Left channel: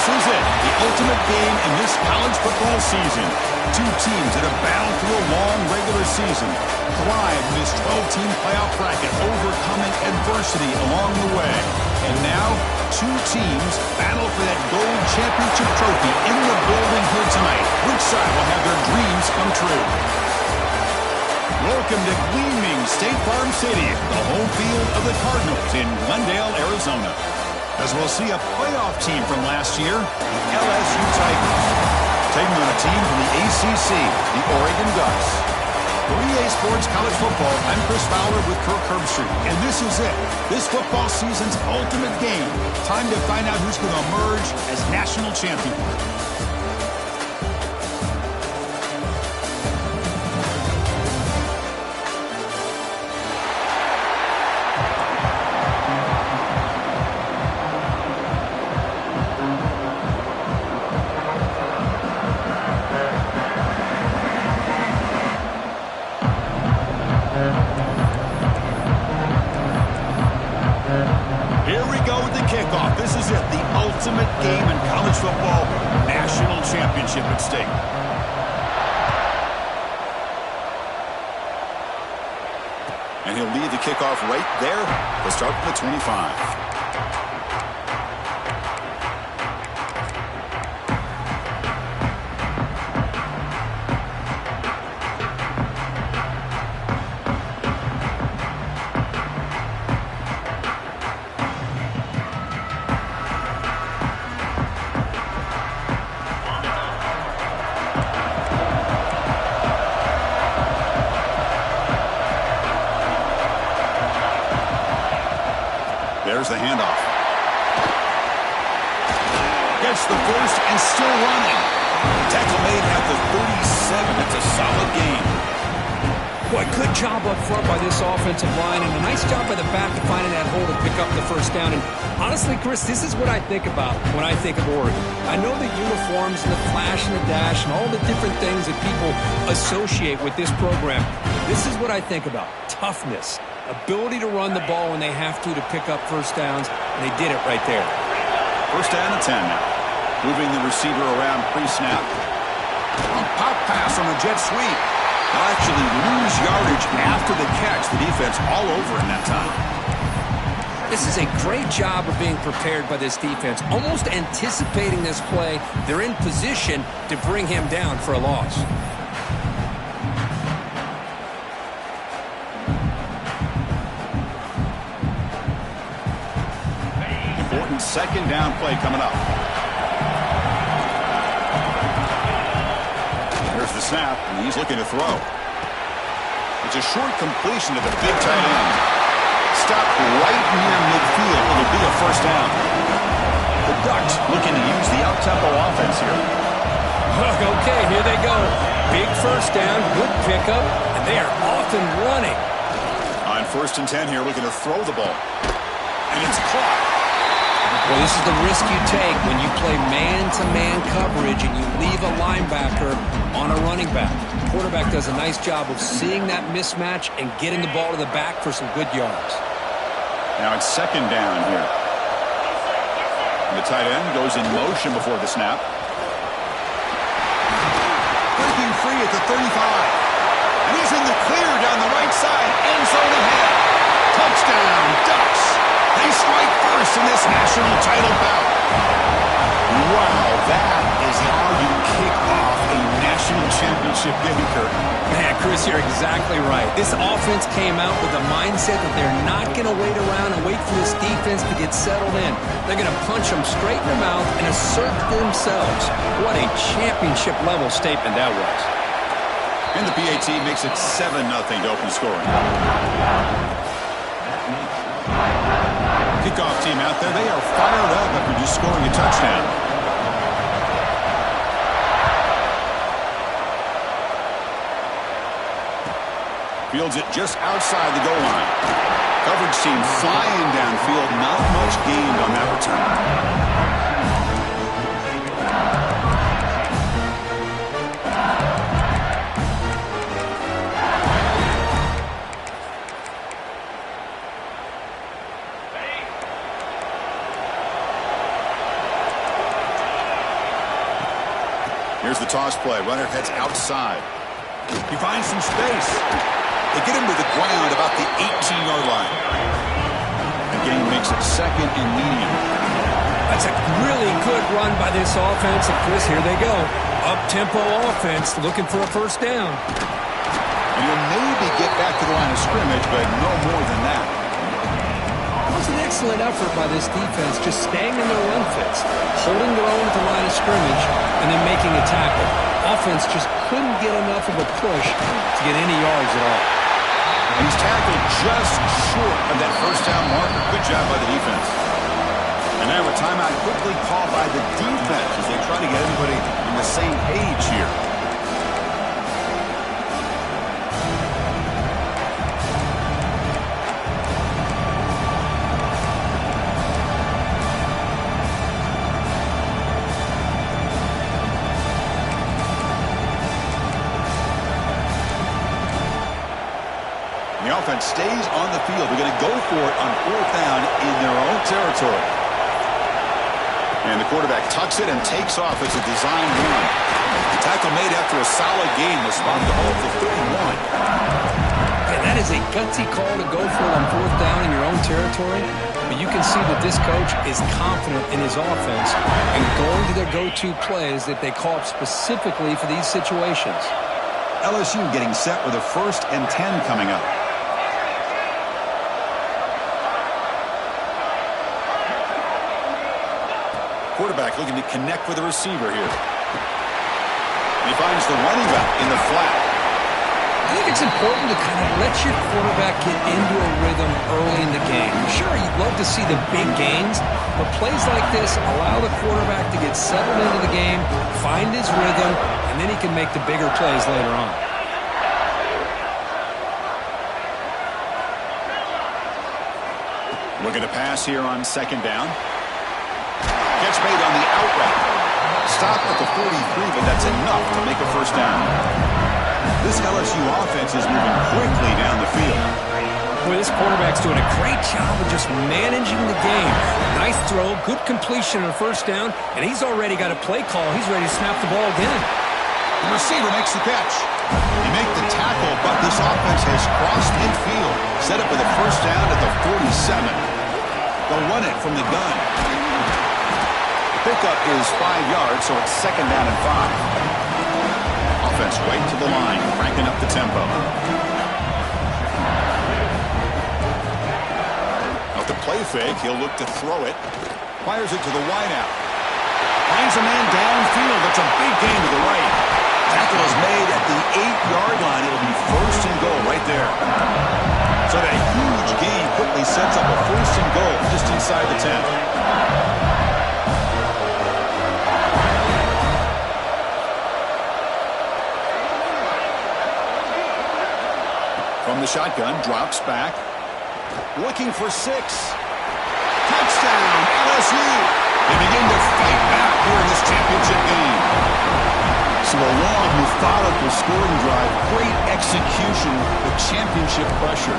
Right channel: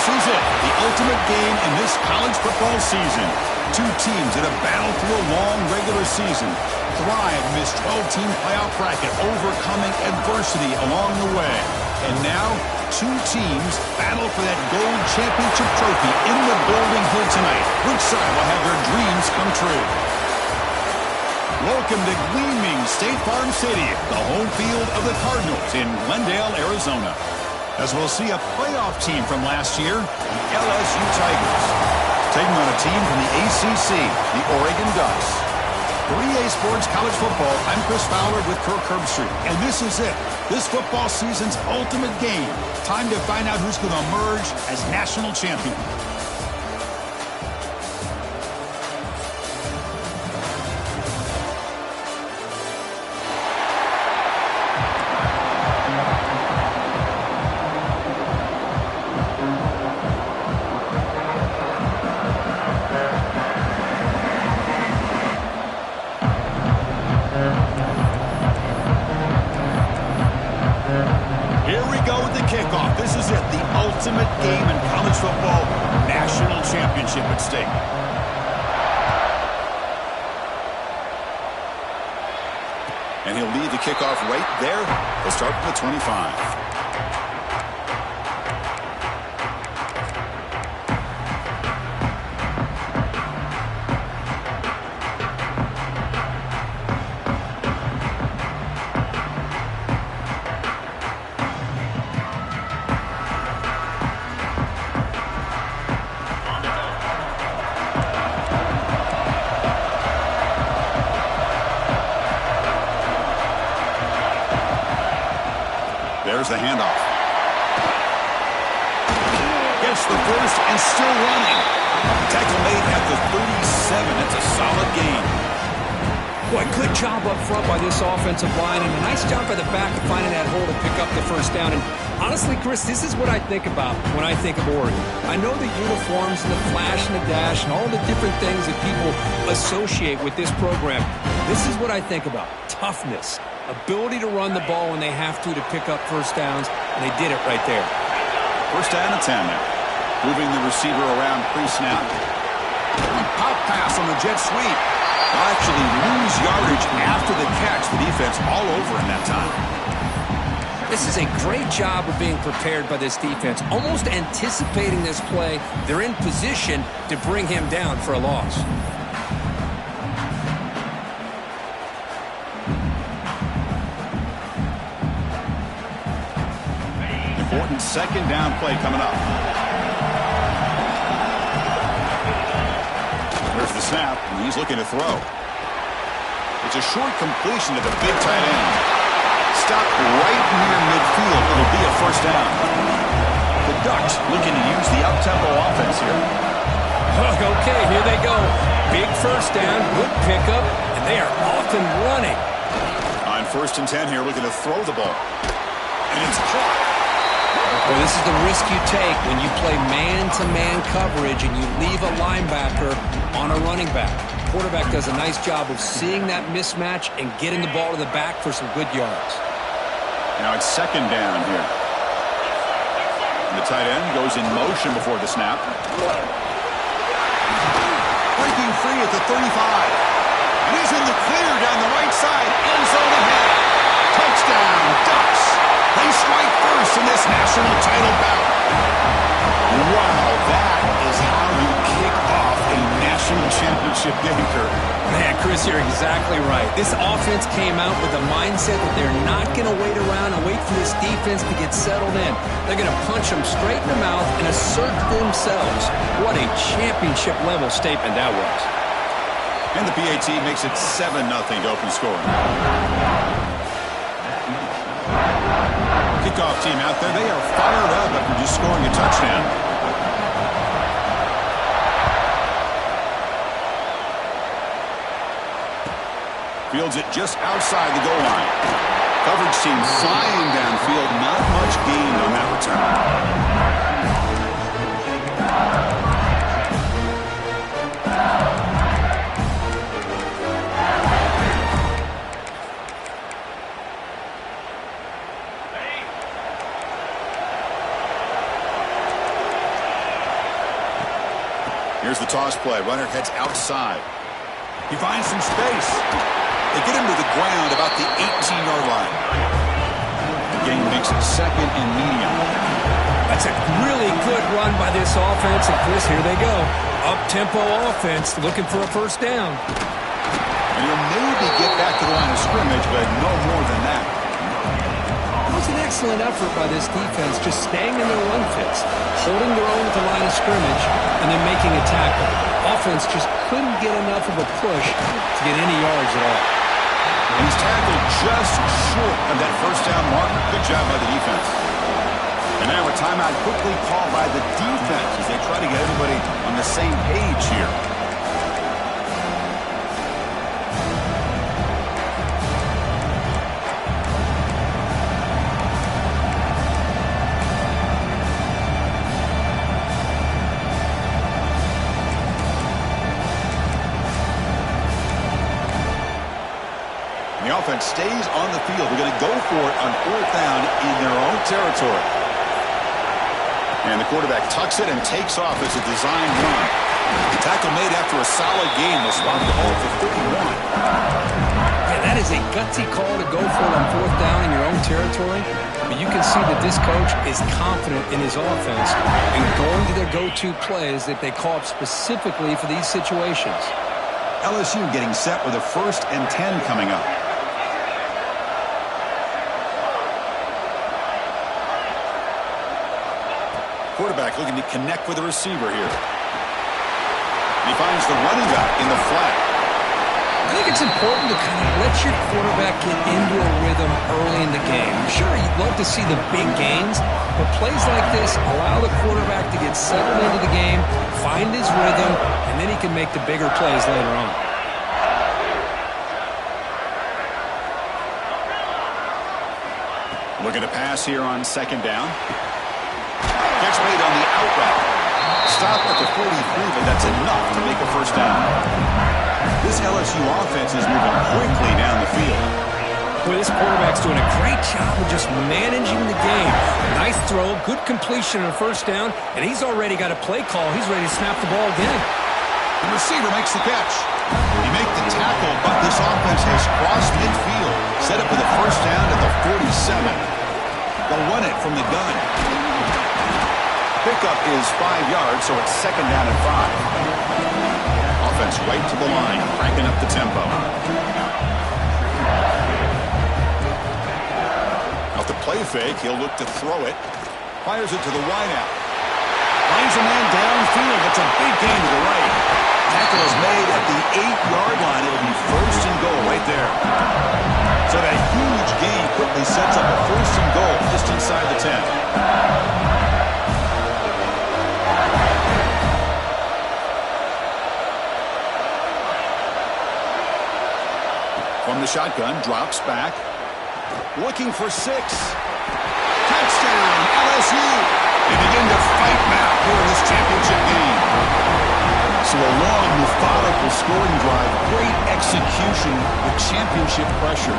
This is it, the ultimate game in this college football season. Two teams that have battled through a long regular season, thrive in this 12-team playoff bracket, overcoming adversity along the way. And now, two teams battle for that gold championship trophy in the building here tonight. Which side will have their dreams come true? Welcome to gleaming State Farm Stadium, the home field of the Cardinals in Glendale, Arizona. As we'll see a playoff team from last year, the LSU Tigers, taking on a team from the ACC, the Oregon Ducks. For EA Sports College Football, I'm Chris Fowler with Kirk Herbstreit, and this is it. This football season's ultimate game. Time to find out who's going to emerge as national champion. Kickoff. This is it, the ultimate game in college football, national championship at stake. And he'll lead the kickoff right there. He'll start from the 25. There's the handoff. Gets the first and still running. Tackle made at the 37. That's a solid gain. Boy, good job up front by this offensive line, and a nice job by the back of finding that hole to pick up the first down. And honestly, Chris, this is what I think about when I think of Oregon. I know the uniforms and the flash and the dash and all the different things that people associate with this program. This is what I think about. Toughness. Ability to run the ball when they have to pick up first downs, and they did it right there. First down and 10 now. Moving the receiver around pre-snap. A pop pass on the jet sweep. They'll actually lose yardage after the catch. The defense all over in that time. This is a great job of being prepared by this defense. Almost anticipating this play, they're in position to bring him down for a loss. Important second down play coming up. There's the snap, and he's looking to throw. It's a short completion to the big tight end. Stopped right near midfield. It'll be a first down. The Ducks looking to use the up-tempo offense here. Okay, here they go. Big first down, good pickup, and they are off and running. On first and 10 here, looking to throw the ball. And it's caught. Well, this is the risk you take when you play man-to-man coverage and you leave a linebacker on a running back. The quarterback does a nice job of seeing that mismatch and getting the ball to the back for some good yards. Now it's second down here. And the tight end goes in motion before the snap. Breaking free at the 35. And he's in the clear down the right side. End zone ahead. Touchdown, Ducks. They strike first in this national title bout. Wow, that is how you kick off a national championship game, Kirk. Man, Chris, you're exactly right. This offense came out with the mindset that they're not going to wait around and wait for this defense to get settled in. They're going to punch them straight in the mouth and assert themselves. What a championship-level statement that was. And the PAT makes it 7-0 to open scoring. Kickoff team out there, they are fired up after just scoring a touchdown. Fields it just outside the goal line. Coverage team flying downfield, not much gained on that return. Here's the toss play. Runner heads outside. He finds some space. They get him to the ground about the 18-yard line. The game makes it second and medium. That's a really good run by this offense. And, Chris, here they go. Up-tempo offense looking for a first down. And he'll maybe get back to the line of scrimmage, but no more than that. It was an excellent effort by this defense, just staying in their run fits, holding their own at the line of scrimmage, and then making a tackle. Offense just couldn't get enough of a push to get any yards at all. And he's tackled just short of that first down marker. Good job by the defense. And now a timeout quickly called by the defense as they try to get everybody on the same page here. The offense stays on the field. They're going to go for it on fourth down in their own territory. And the quarterback tucks it and takes off as a design run. The tackle made after a solid game. They'll spot the ball for 31. Yeah, that is a gutsy call to go for it on fourth down in your own territory. But you can see that this coach is confident in his offense and going to their go-to plays that they call up specifically for these situations. LSU getting set with a 1st and 10 coming up. Quarterback looking to connect with the receiver here. And he finds the running back in the flat. I think it's important to kind of let your quarterback get into a rhythm early in the game. Sure, you'd love to see the big gains, but plays like this allow the quarterback to get settled into the game, find his rhythm, and then he can make the bigger plays later on. Looking to pass here on 2nd down. Catch made on the out route. Stop at the 43, but that's enough to make a first down. This LSU offense is moving quickly down the field. Boy, this quarterback's doing a great job of just managing the game. Nice throw, good completion on a first down, and he's already got a play call. He's ready to snap the ball again. The receiver makes the catch. He makes the tackle, but this offense has crossed midfield. Set up with a first down at the 47. They'll run it from the gun. Pickup is 5 yards, so it's 2nd down and 5. Offense right to the line, cranking up the tempo. Out the play fake, he'll look to throw it. Fires it to the wideout. Finds a man downfield. It's a big gain to the right. Tackle is made at the 8-yard line. It'll be 1st and goal right there. So that huge gain quickly sets up a 1st and goal just inside the 10. From the shotgun, drops back. Looking for 6. Touchdown, LSU. They begin to fight back here in this championship game. So a long, methodical scoring drive. Great execution with championship pressure.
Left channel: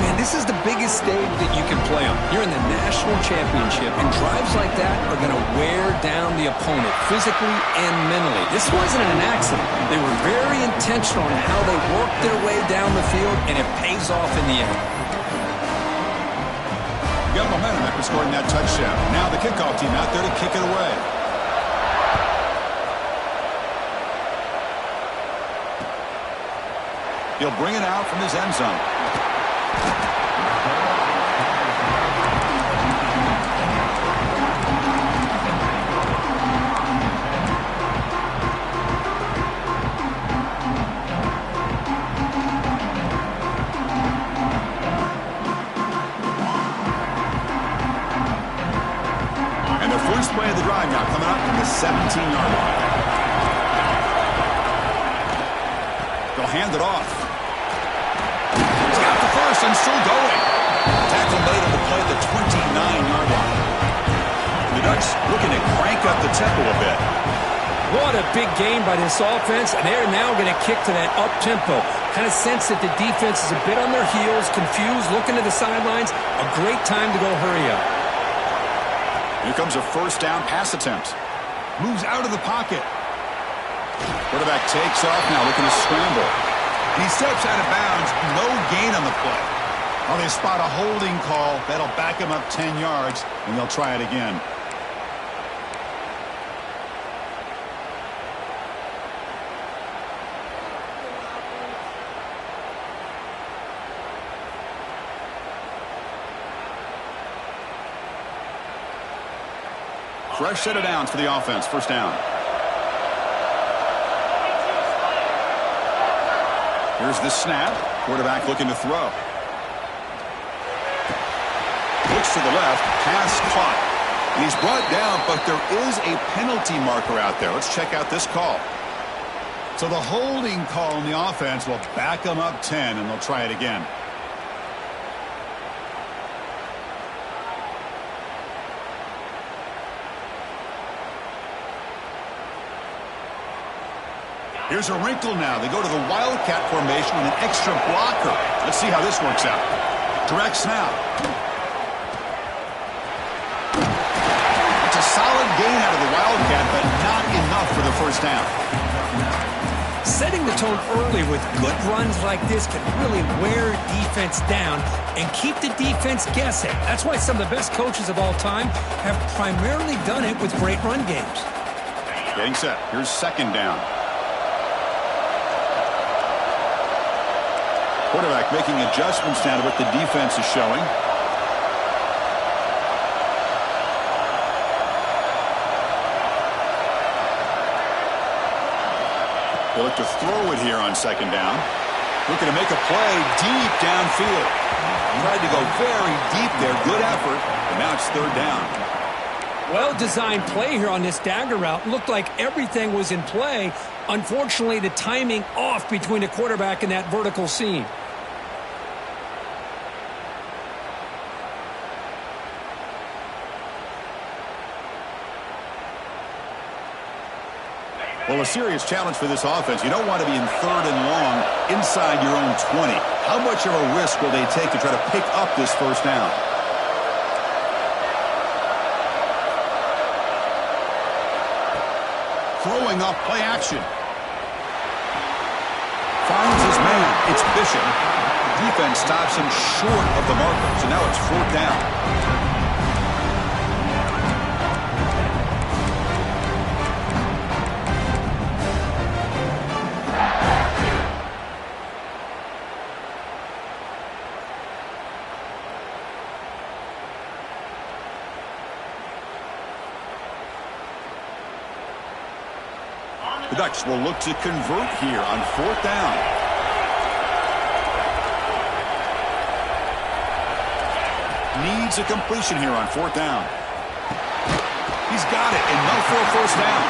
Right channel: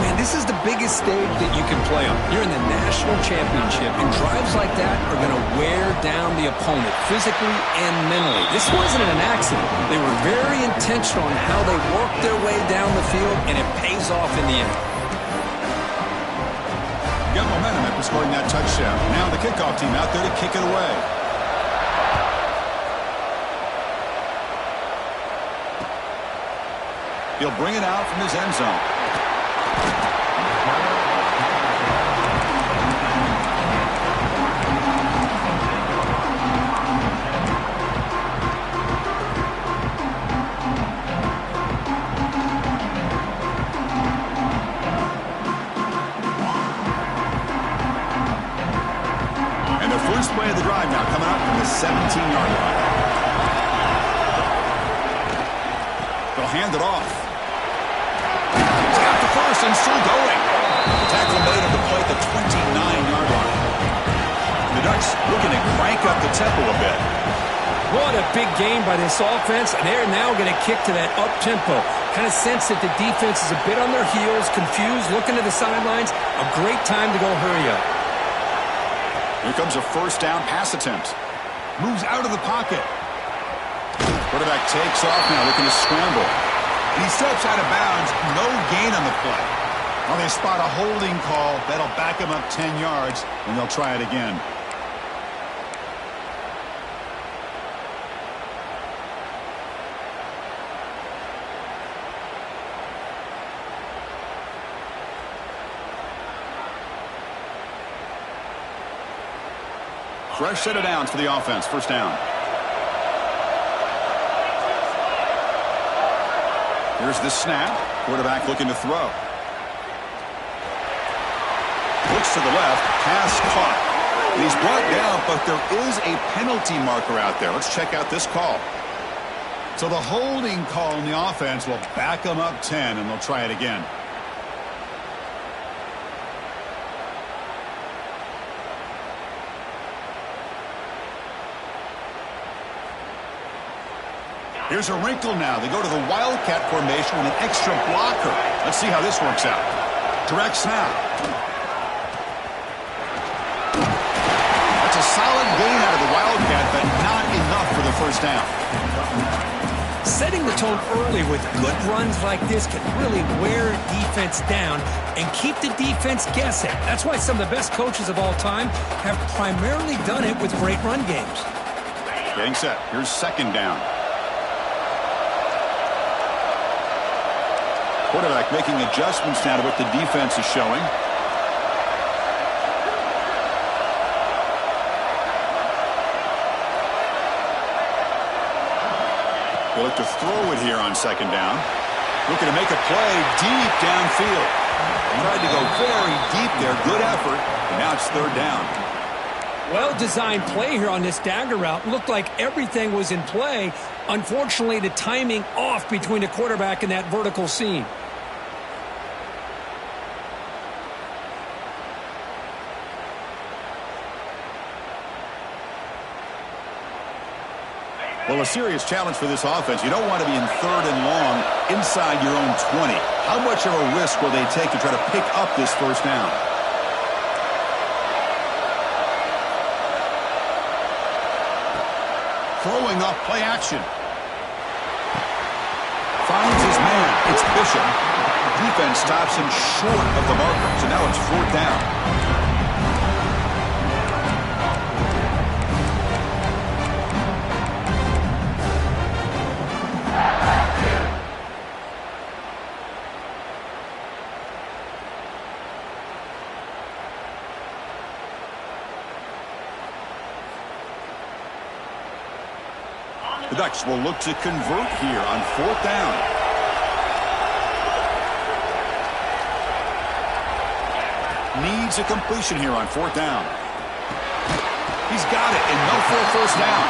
Man, this is the biggest stage that you can play on. You're in the national championship, and drives like that are going to wear down the opponent physically and mentally. This wasn't an accident. They were very intentional on how they worked their way down the field, and it pays off in the end. Got momentum after scoring that touchdown. Now the kickoff team out there to kick it away. He'll bring it out from his end zone. And the first play of the drive now coming up from the 17-yard line. They'll hand it off. He's got the first and still going. Tackle made on the play at the 29-yard line. The Ducks looking to crank up the tempo a bit. What a big game by this offense, and they're now going to kick to that up-tempo. Kind of sense that the defense is a bit on their heels, confused, looking to the sidelines. A great time to go hurry up. Here comes a first down pass attempt. Moves out of the pocket. Quarterback takes off now, looking to scramble. And he steps out of bounds. No gain on the play. Well, they spot a holding call. That'll back him up 10 yards, and they'll try it again. Fresh set of downs for the offense. First down. Here's the snap. Quarterback looking to throw. Looks to the left. Pass caught. And he's brought down, but there is a penalty marker out there. Let's check out this call. So the holding call on the offense will back them up 10, and they'll try it again. Here's a wrinkle now. They go to the Wildcat formation with an extra blocker. Let's see how this works out. Direct snap. That's a solid gain out of the Wildcat, but not enough for the first down. Setting the tone early with good runs like this can really wear defense down and keep the defense guessing. That's why some of the best coaches of all time have primarily done it with great run games. Getting set. Here's second down. Quarterback making adjustments now to what the defense is showing. They look to throw it here on second down. Looking to make a play deep downfield. Tried to go very deep there. Good effort. But now it's third down. Well-designed play here on this dagger route. Looked like everything was in play. Unfortunately, the timing off between the quarterback and that vertical seam. Well, a serious challenge for this offense. You don't want to be in third and long inside your own 20. How much of a risk will they take to try to pick up this first down? Throwing off play action. Finds his man. It's Bishop. Defense stops him short of the marker. So now it's fourth down. The Ducks will look to convert here on fourth down. Needs a completion here on fourth down. He's got it, enough for a first down.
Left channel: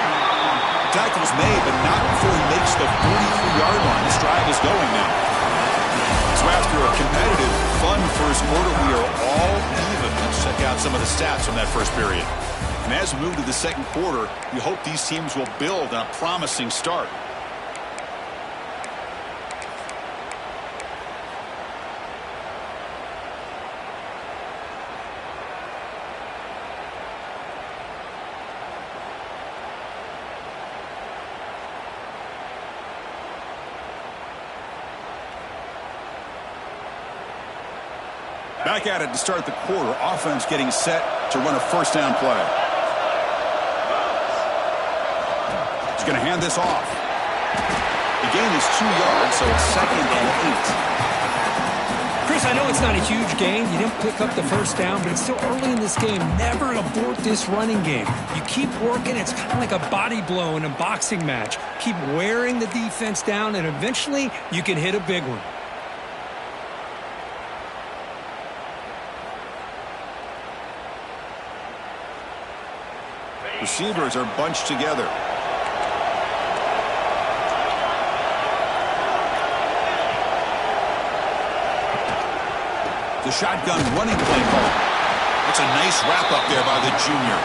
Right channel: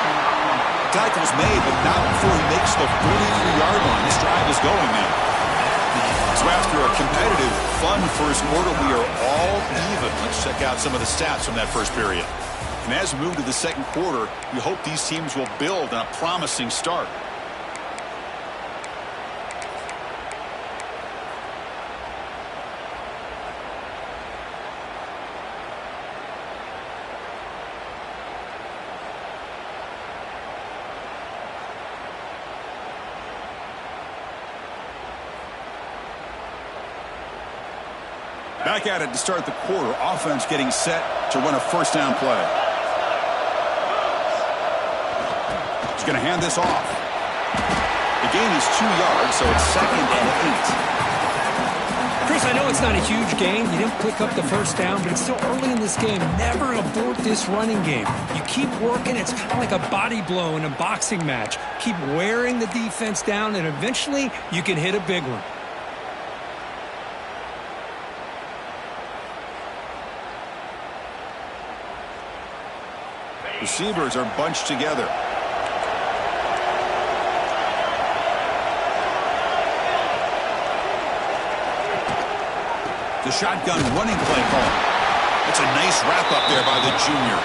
The tackle's made, but not before he makes the 43-yard line. This drive is going now. So after a competitive, fun first quarter, we are all even. Let's check out some of the stats from that first period. And as we move to the second quarter, we hope these teams will build on a promising start. Back at it to start the quarter. Offense getting set to run a first down play. He's going to hand this off. The gain is 2 yards, so it's 2nd and 8. Chris, I know it's not a huge gain. You didn't pick up the first down, but it's still early in this game. Never abort this running game. You keep working. It's kind of like a body blow in a boxing match. Keep wearing the defense down, and eventually you can hit a big one. Receivers are bunched together. The shotgun running play call. That's a nice wrap-up there by the junior.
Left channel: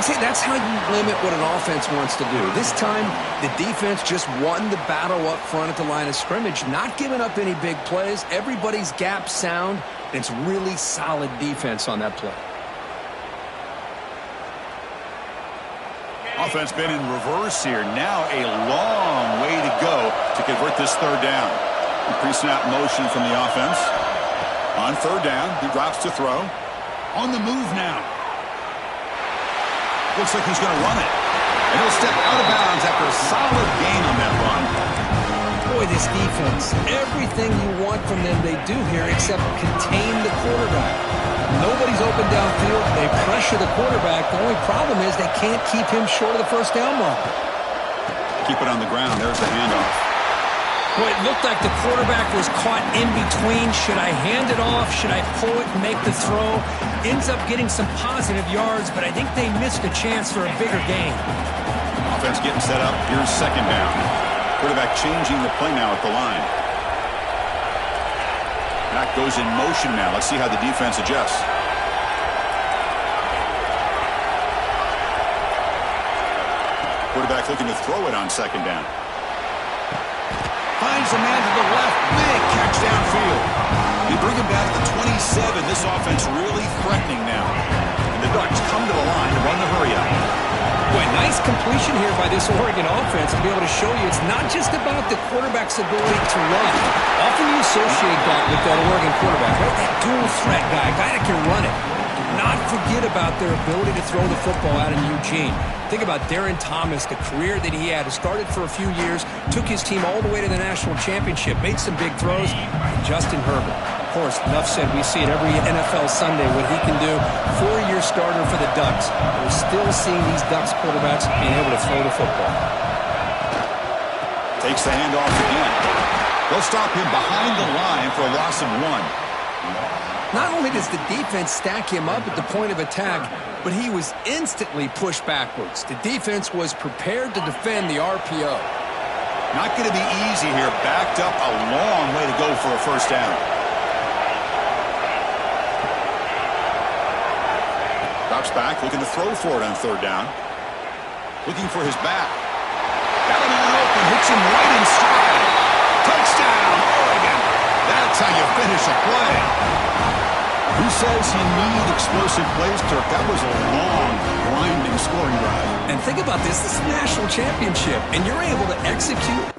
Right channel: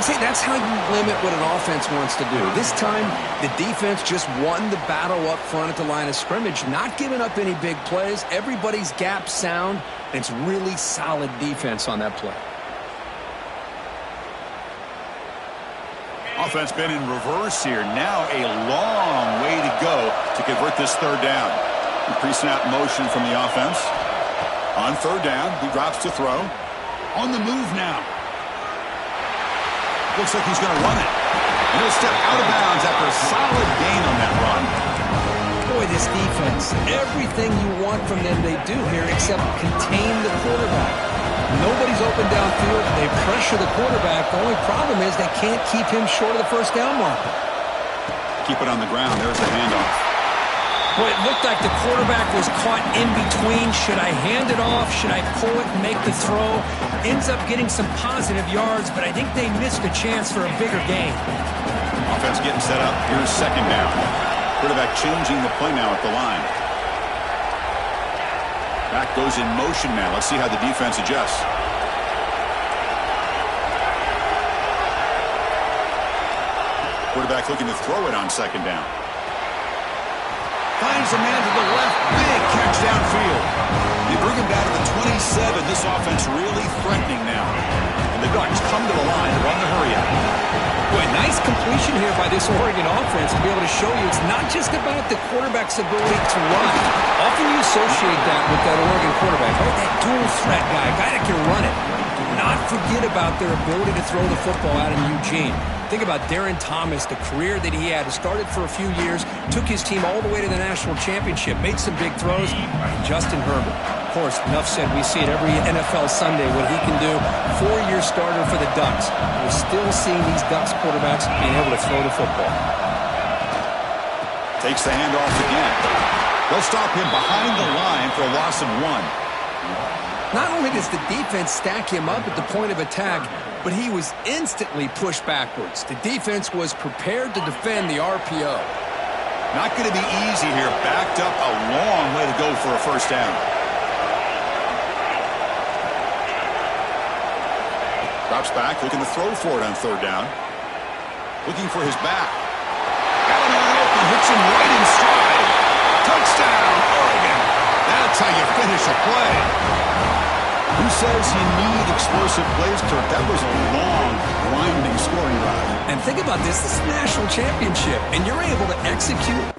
See, that's how you limit what an offense wants to do. This time, the defense just won the battle up front at the line of scrimmage, not giving up any big plays. Everybody's gap sound. It's really solid defense on that play. Offense been in reverse here. Now a long way to go to convert this third down. Pre-snap motion from the offense. On third down, he drops to throw. On the move now. Looks like he's going to run it. And he'll step out of bounds after a solid gain on that run. Boy, this defense, everything you want from them they do here except contain the quarterback. Nobody's open downfield. They pressure the quarterback. The only problem is they can't keep him short of the first down marker. Keep it on the ground. There's the handoff. Boy, it looked like the quarterback was caught in between. Should I hand it off? Should I pull it and make the throw? Ends up getting some positive yards, but I think they missed a chance for a bigger gain. Offense getting set up. Here's second down. Quarterback changing the play now at the line. Back goes in motion now. Let's see how the defense adjusts. Quarterback looking to throw it on second down. Finds a man to the left. Big catch downfield. They bring him down to the 27. This offense really threatening now. And the Ducks come to the line to run the hurry up. Boy, nice completion here by this Oregon offense to be able to show you it's not just about the quarterback's ability to run. Often you associate that with that Oregon quarterback, right? That dual threat guy that can run it. Do not forget about their ability to throw the football out in Eugene. Think about Darren Thomas, the career that he had. Started for a few years, took his team all the way to the national championship, made some big throws. And Justin Herbert. Of course, enough said, we see it every NFL Sunday what he can do. 4-year starter for the Ducks. We're still seeing these Ducks quarterbacks being able to throw the football. Takes the handoff again. They'll stop him behind the line for a loss of 1. Not only does the defense stack him up at the point of attack, but he was instantly pushed backwards. The defense was prepared to defend the RPO. Not going to be easy here. Backed up a long way to go for a first down. Drops back, looking to throw for it on third down. Looking for his back. Got a man open, hits him right in stride. Touchdown, Oregon. That's how you finish a play. Who says you need explosive plays, Kirk? That was a long, grinding scoring drive. And think about this. This is a national championship, and you're able to execute.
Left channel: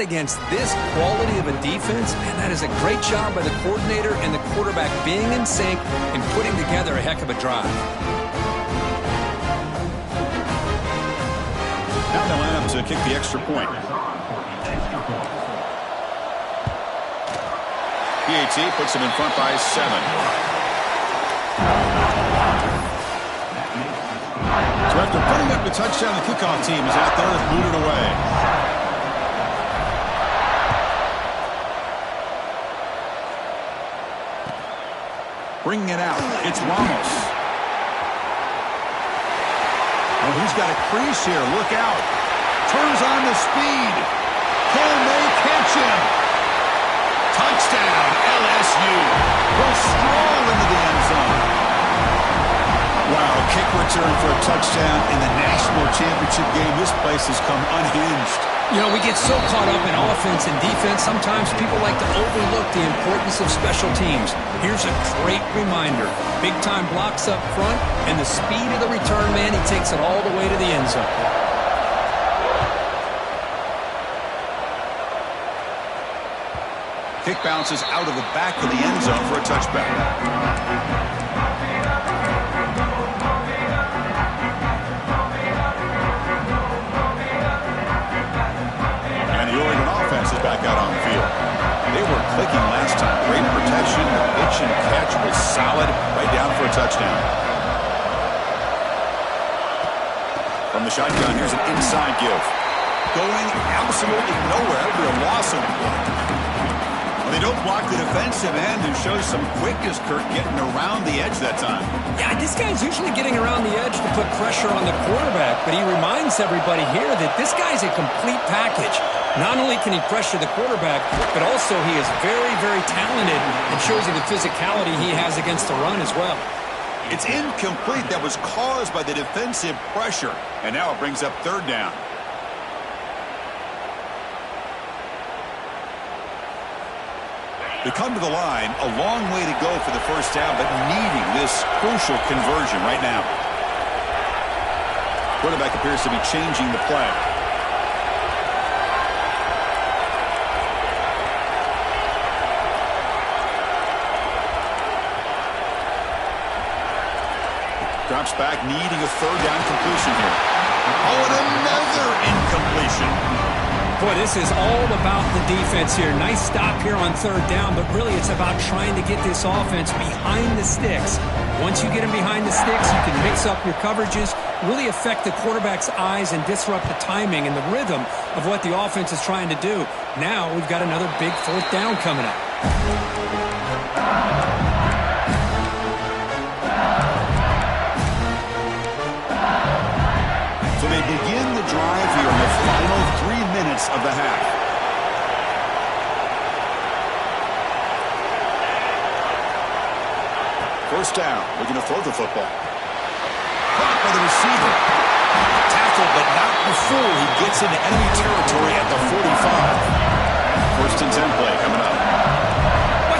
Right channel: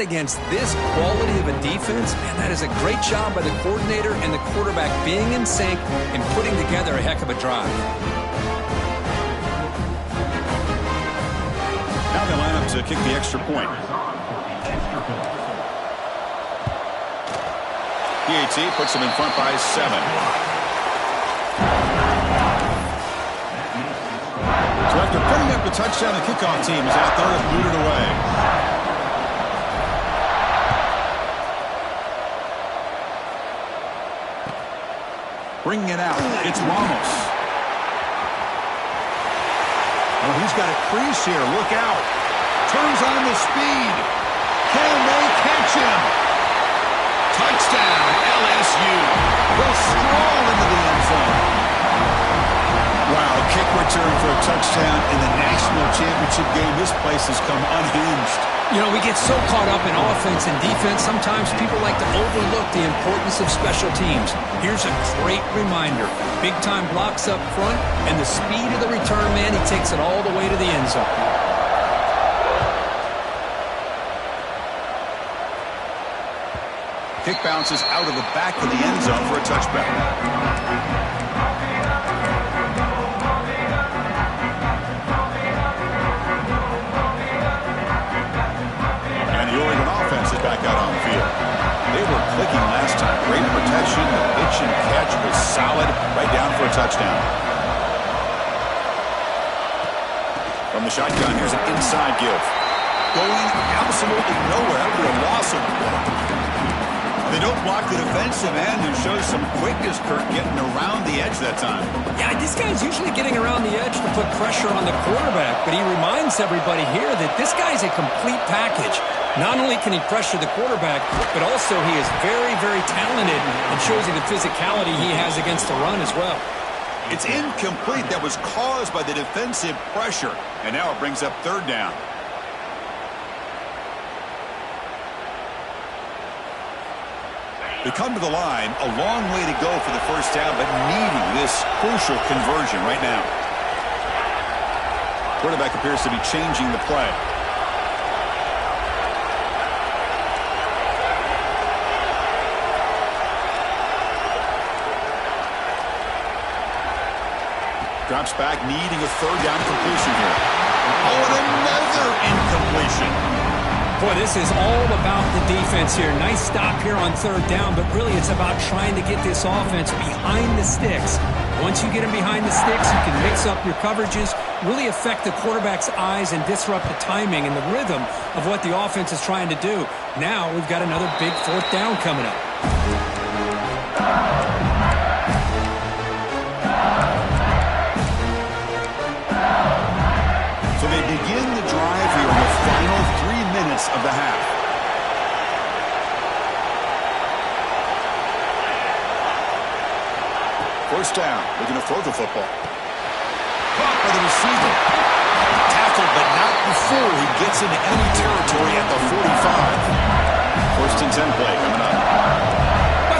Against this quality of a defense, man, that is a great job by the coordinator and the quarterback being in sync and putting together a heck of a drive. Now they line up to kick the extra point. PAT puts them in front by 7. So after putting up the touchdown, the kickoff team is out there and booted away. Bringing it out. It's Ramos. Oh, he's got a crease here. Look out. Turns on the speed. Can they catch him? Touchdown, LSU. Will stroll into the end zone. Wow, kick return for a touchdown in the national championship game. This place has come unhinged. You know, we get so caught up in offense and defense, sometimes people like to overlook the importance of special teams. Here's a great reminder. Big-time blocks up front, and the speed of the return man, he takes it all the way to the end zone. Kick bounces out of the back of the end zone for a touchback. And the Oregon offense is back out on the field. They were clicking last time. Great protection. The pitch and catch was solid. Right down for a touchdown. From the shotgun, here's an inside give. Going absolutely nowhere. That would be a loss of the play. They don't block the defensive end and shows some quickness, Kirk, getting around the edge that time. Yeah, this guy's usually getting around the edge to put pressure on the quarterback, but he reminds everybody here that this guy's a complete package. Not only can he pressure the quarterback, but also he is very, very talented and shows you the physicality he has against the run as well. It's incomplete. That was caused by the defensive pressure, and now it brings up third down. They come to the line, a long way to go for the first down, but needing this crucial conversion right now. Quarterback appears to be changing the play. Drops back, needing a third down completion here. Oh, and another incompletion. Boy, this is all about the defense here. Nice stop here on third down, but really it's about trying to get this offense behind the sticks. Once you get them behind the sticks, you can mix up your coverages, really affect the quarterback's eyes and disrupt the timing and the rhythm of what the offense is trying to do. Now we've got another big fourth down coming up. So they begin the drive here in the final 3 minutes of the half. First down, looking to throw the football. Caught by the receiver. Tackled, but not before he gets into enemy territory at the 45. First and 10 play coming up.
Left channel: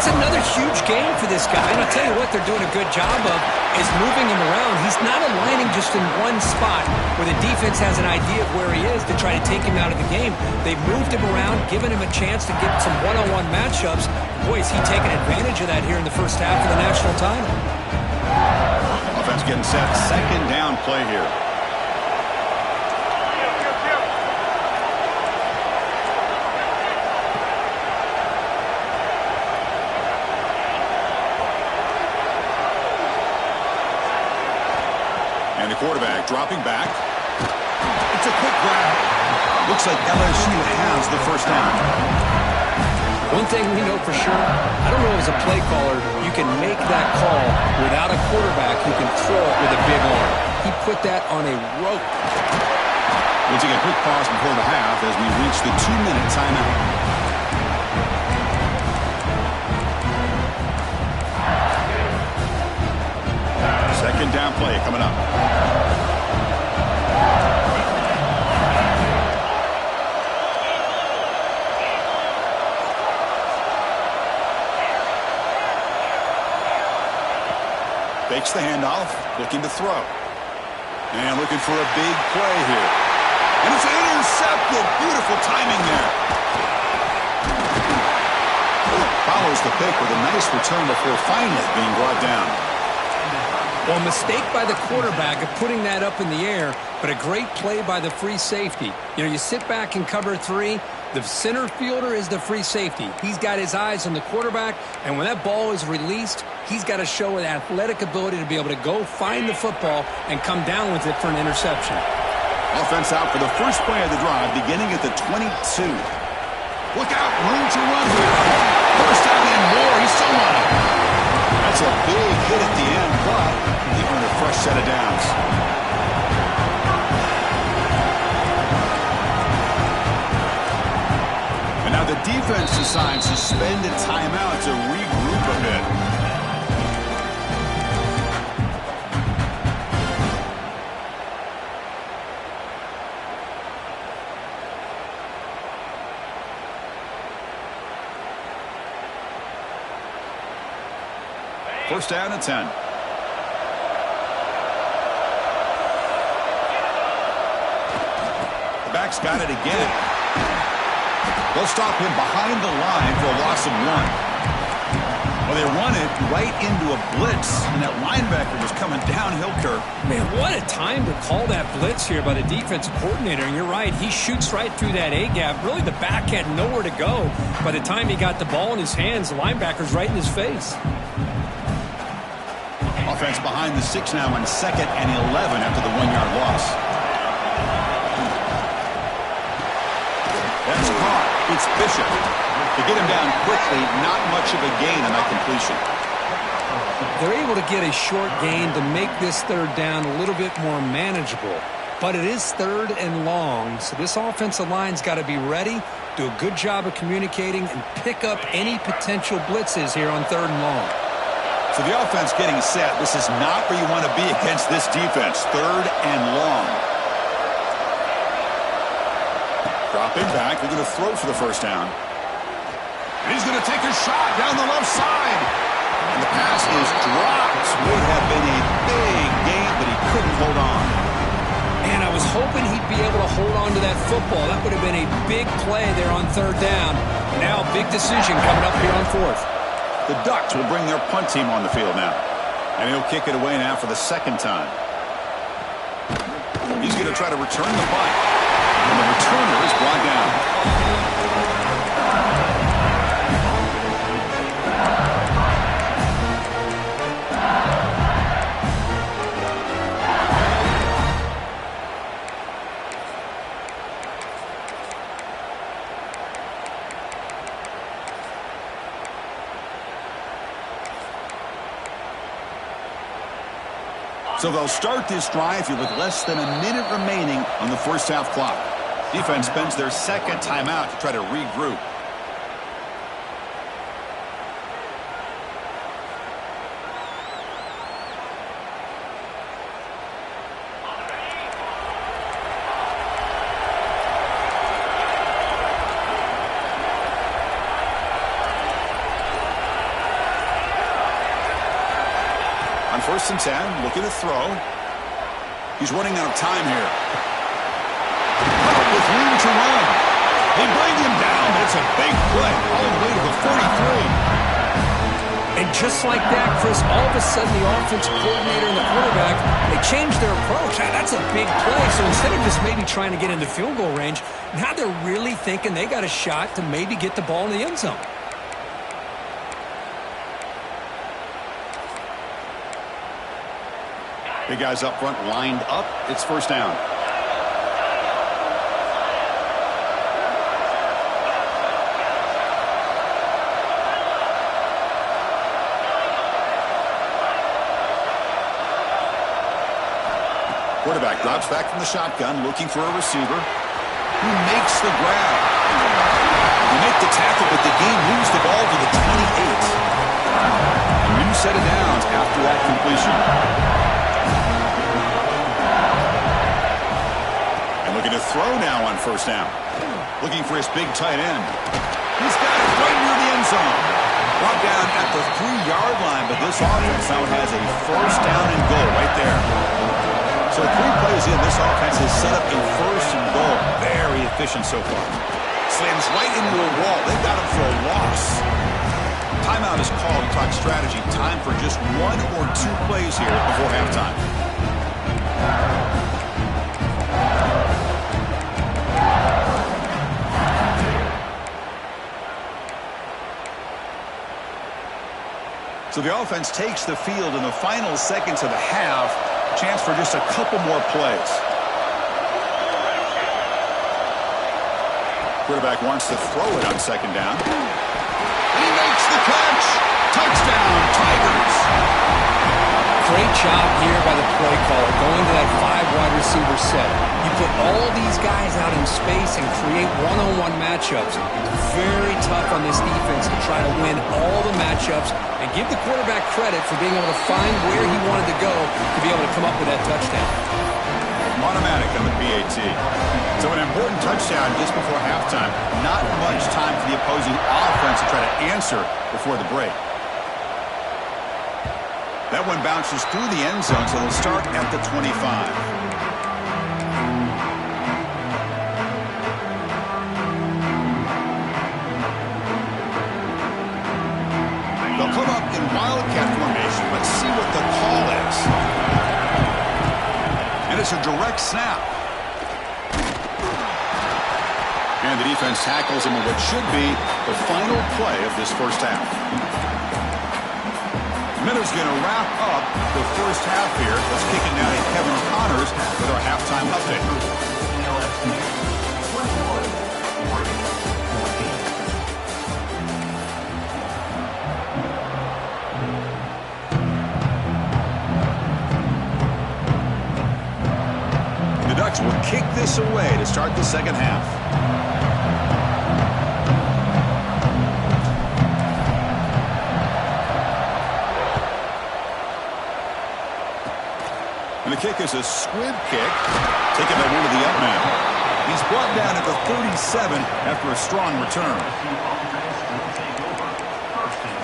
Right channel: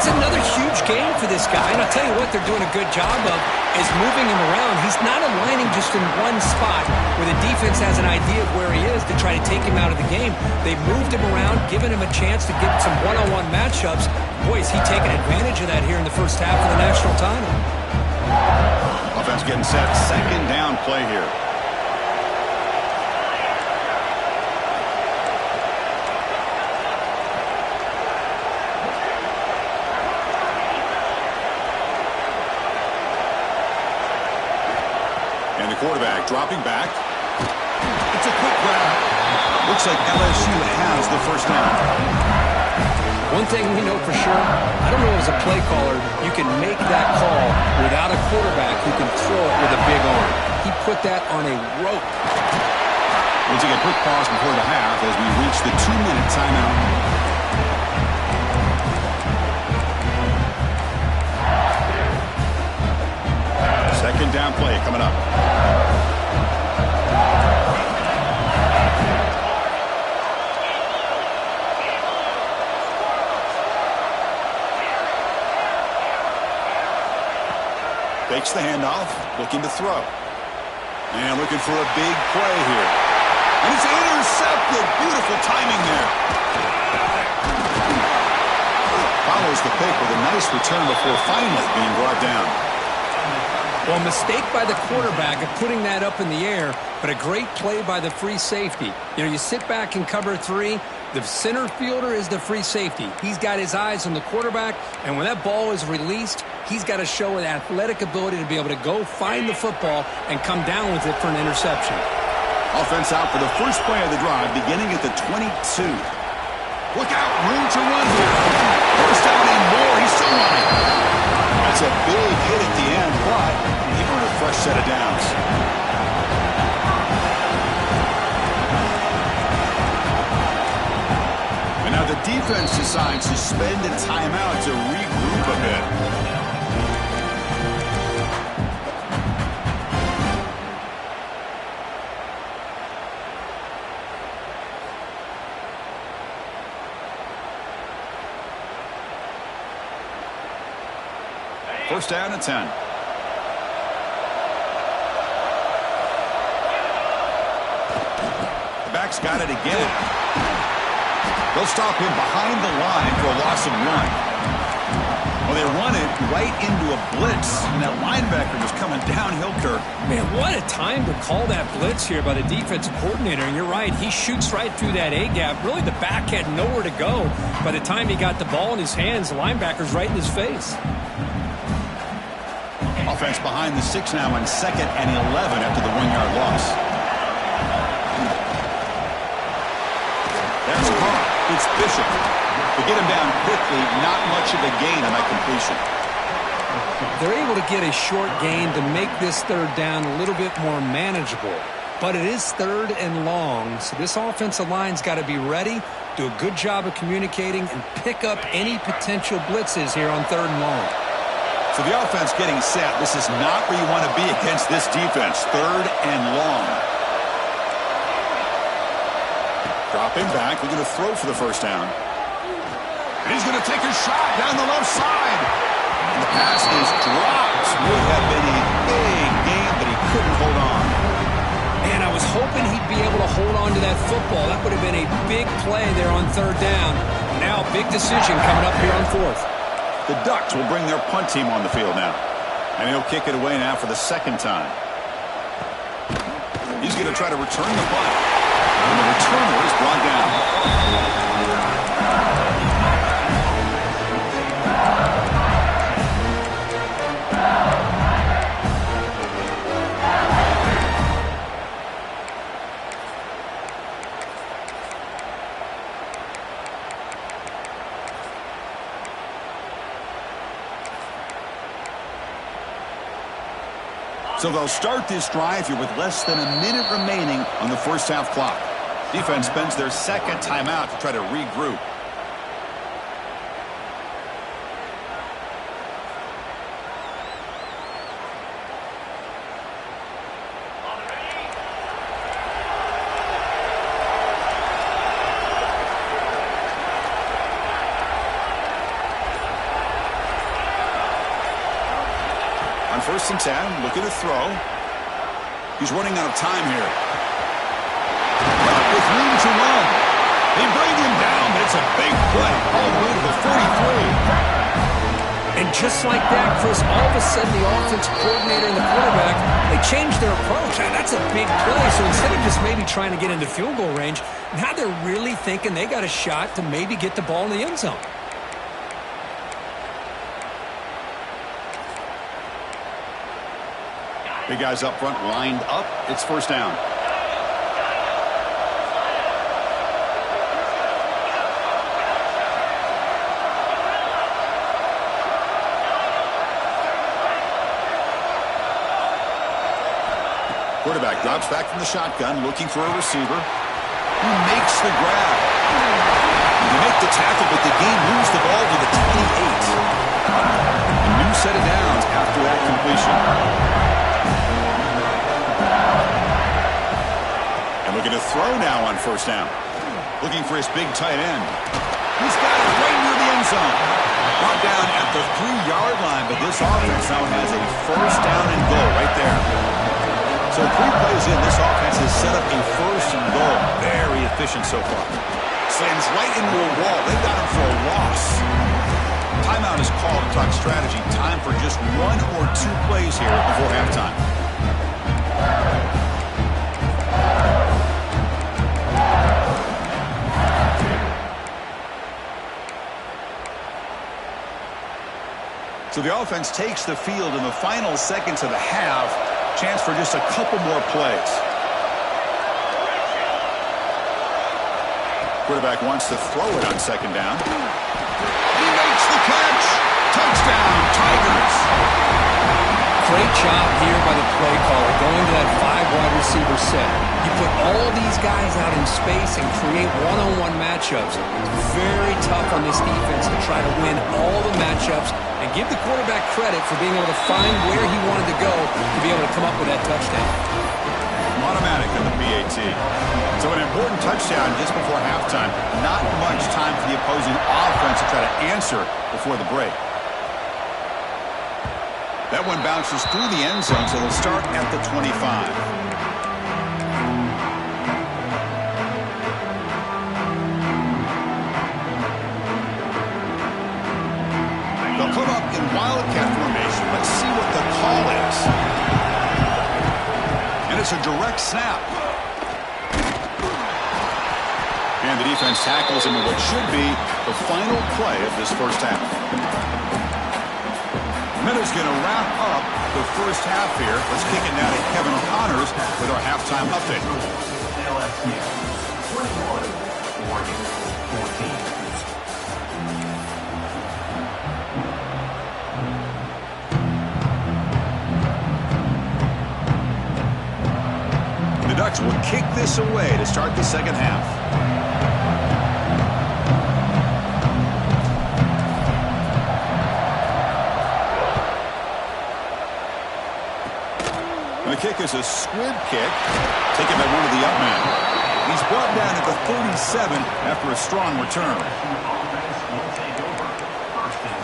It's another huge game for this guy, and I'll tell you what they're doing a good job of is moving him around. He's not aligning just in one spot where the defense has an idea of where he is to try to take him out of the game. They've moved him around, given him a chance to get some one-on-one matchups. Boy, is he taking advantage of that here in the first half of the national title. Offense getting set, second down play here. And the quarterback dropping back. It's a quick grab. Looks like LSU has the first down. One thing we know for sure, I don't know as a play caller, you can make that call without a quarterback who can throw it with a big arm. He put that on a rope. We'll take a quick pause before the half as we reach the 2-minute timeout. Second down play coming up. Fakes the handoff, looking to throw. And looking for a big play here. And it's intercepted. Beautiful timing there. Follows the pick with a nice return before finally being brought down. Well, a mistake by the quarterback of putting that up in the air, but a great play by the free safety. You know, you sit back in cover three, the center fielder is the free safety. He's got his eyes on the quarterback, and when that ball is released, he's got to show an athletic ability to be able to go find the football and come down with it for an interception. Offense out for the first play of the drive, beginning at the 22. Look out, room to run here. First down and more, he's still running. That's a big hit at the end, but he earned a fresh set of downs. And now the defense decides to spend a timeout to regroup a bit. First down and 10. The back's got it again. They'll stop him behind the line for a loss of 1. Well, they run it right into a blitz, and that linebacker was coming downhill, Kirk. Man, what a time to call that blitz here by the defensive coordinator. And you're right, he shoots right through that A-gap. Really, the back had nowhere to go. By the time he got the ball in his hands, the linebacker's right in his face. Offense behind the 6 now on 2nd and 11 after the 1-yard loss. That's caught. It's Bishop. To get him down quickly, not much of a gain on that completion. They're able to get a short gain to make this 3rd down a little bit more manageable. But it is 3rd and long, so this offensive line's got to be ready, do a good job of communicating, and pick up any potential blitzes here on 3rd and long. So the offense getting set. This is not where you want to be against this defense. 3rd and long. Dropping back, looking to throw for the 1st down. And he's going to take a shot down the left side. And the pass is dropped. Would have been a big gain, but he couldn't hold on. And I was hoping he'd be able to hold on to that football. That would have been a big play there on 3rd down. Now a big decision coming up here on 4th. The Ducks will bring their punt team on the field now. And he'll kick it away now for the 2nd time. He's going to try to return the punt. And the returner is brought down. So they'll start this drive here with less than a minute remaining on the 1st half clock. Defense spends their 2nd timeout to try to regroup. On 1st and 10, looking to throw. He's running out of time here. Well, with room to run. They bring him down, but it's a big play all the way to the 43. And just like that, Chris, all of a sudden the offensive coordinator and the quarterback, they changed their approach. That's a big play. So instead of just maybe trying to get into field goal range, now they're really thinking they got a shot to maybe get the ball in the end zone. Big guys up front lined up. It's 1st down. Quarterback drops back from the shotgun, looking for a receiver who makes the grab. They make the tackle, but the game moves the ball to the 28. A new set of downs after that completion. And looking to throw now on 1st down. Looking for his big tight end. He's got it right near the end zone. Brought down at the 3-yard line, but this offense now has a 1st down and goal right there. So 3 plays in, this offense has set up a 1st and goal. Very efficient so far. Slams right into a wall. They got him for a loss. Timeout is called to talk strategy. Time for just 1 or 2 plays here before halftime. So the offense takes the field in the final seconds of the half. Chance for just a couple more plays. Quarterback wants to throw it on 2nd down. And he makes the catch. Touchdown, Tigers. Great job here by the play caller, going to that 5 wide receiver set. You put all these guys out in space and create one-on-one matchups. It's very tough on this defense to try to win all the matchups and give the quarterback credit for being able to find where he wanted to go to be able to come up with that touchdown. Automatic on the PAT. So an important touchdown just before halftime. Not much time for the opposing offense to try to answer before the break. That one bounces through the end zone, so they'll start at the 25. up in Wildcat formation. Let's see what the call is. And it's a direct snap. And the defense tackles him in what should be the final play of this first half. Minutes going to wrap up the first half here. Let's kick it now to Kevin Connors with our halftime update. LSU 21, Oregon 14. The Ducks will kick this away to start the second half. And the kick is a squib kick, taken by one of the up men. He's brought down at the 37 after a strong return. LSU offense will take over. 1st and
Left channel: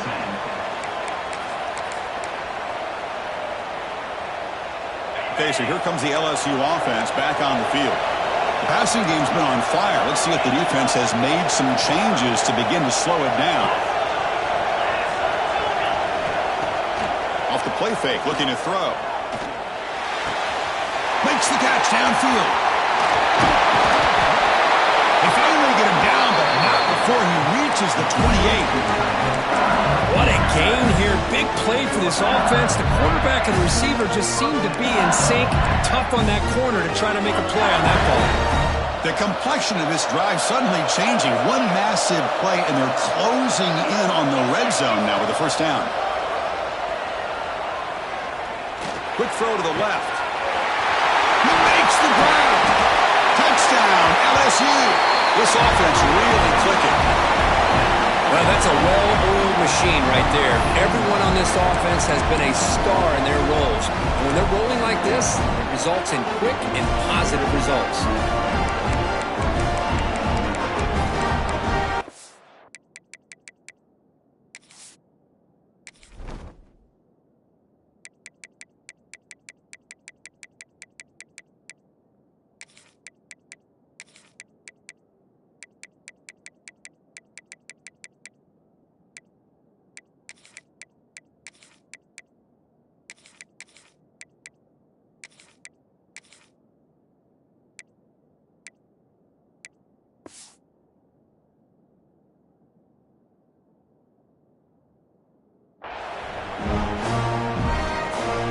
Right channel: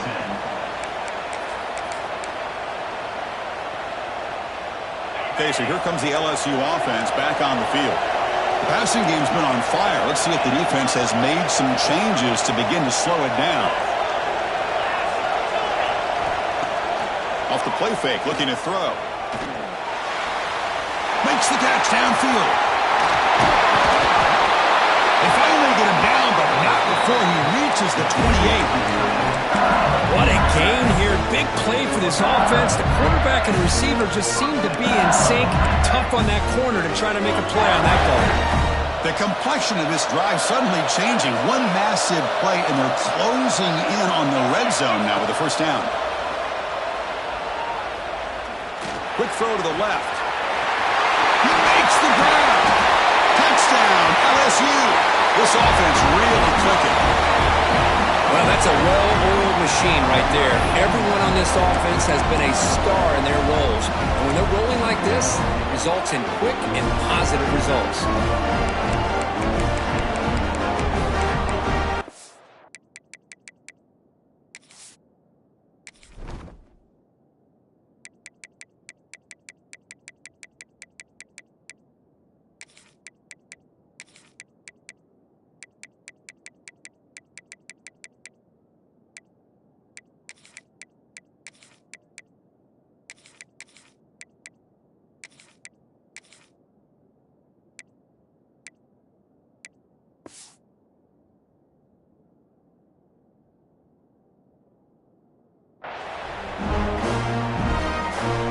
10. Okay, so here comes the LSU offense back on the field. The passing game's been on fire. Let's see if the defense has made some changes to begin to slow it down. Off the play fake, looking to throw. Makes the catch downfield. They finally get him down, but not before he reaches the 28. What a gain here. Big play for this offense. The quarterback and receiver just seem to be in sync. Tough on that corner to try to make a play on that ball. The complexion of this drive suddenly changing. One massive play, and they're closing in on the red zone now with the first down. Quick throw to the left. He makes the grab. Touchdown, LSU. This offense really clicking. Well, that's a well-oiled machine right there. Everyone on this offense has been a star in their roles. And when they're rolling like this, it results in quick and positive results.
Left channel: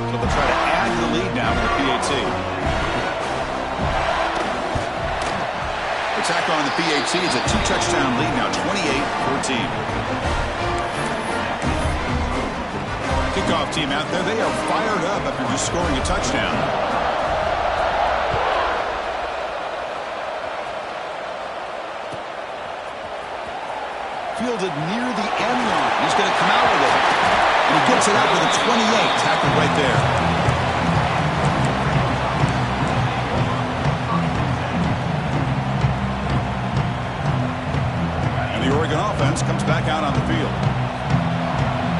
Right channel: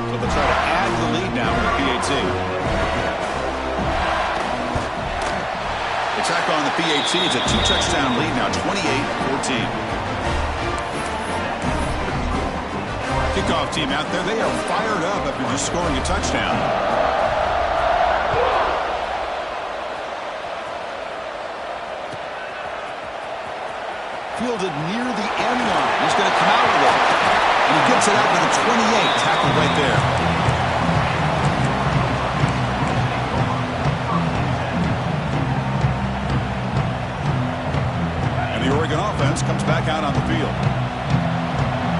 So they'll try to add to the lead now with the PAT. They tack on the PAT. It's a 2-touchdown lead now, 28-14. Kickoff team out there. They are fired up after just scoring a touchdown. Fielded near the end line. He's going to come out with it. And he gets it out to the 28. Tackled right there. And the Oregon offense comes back out on the field.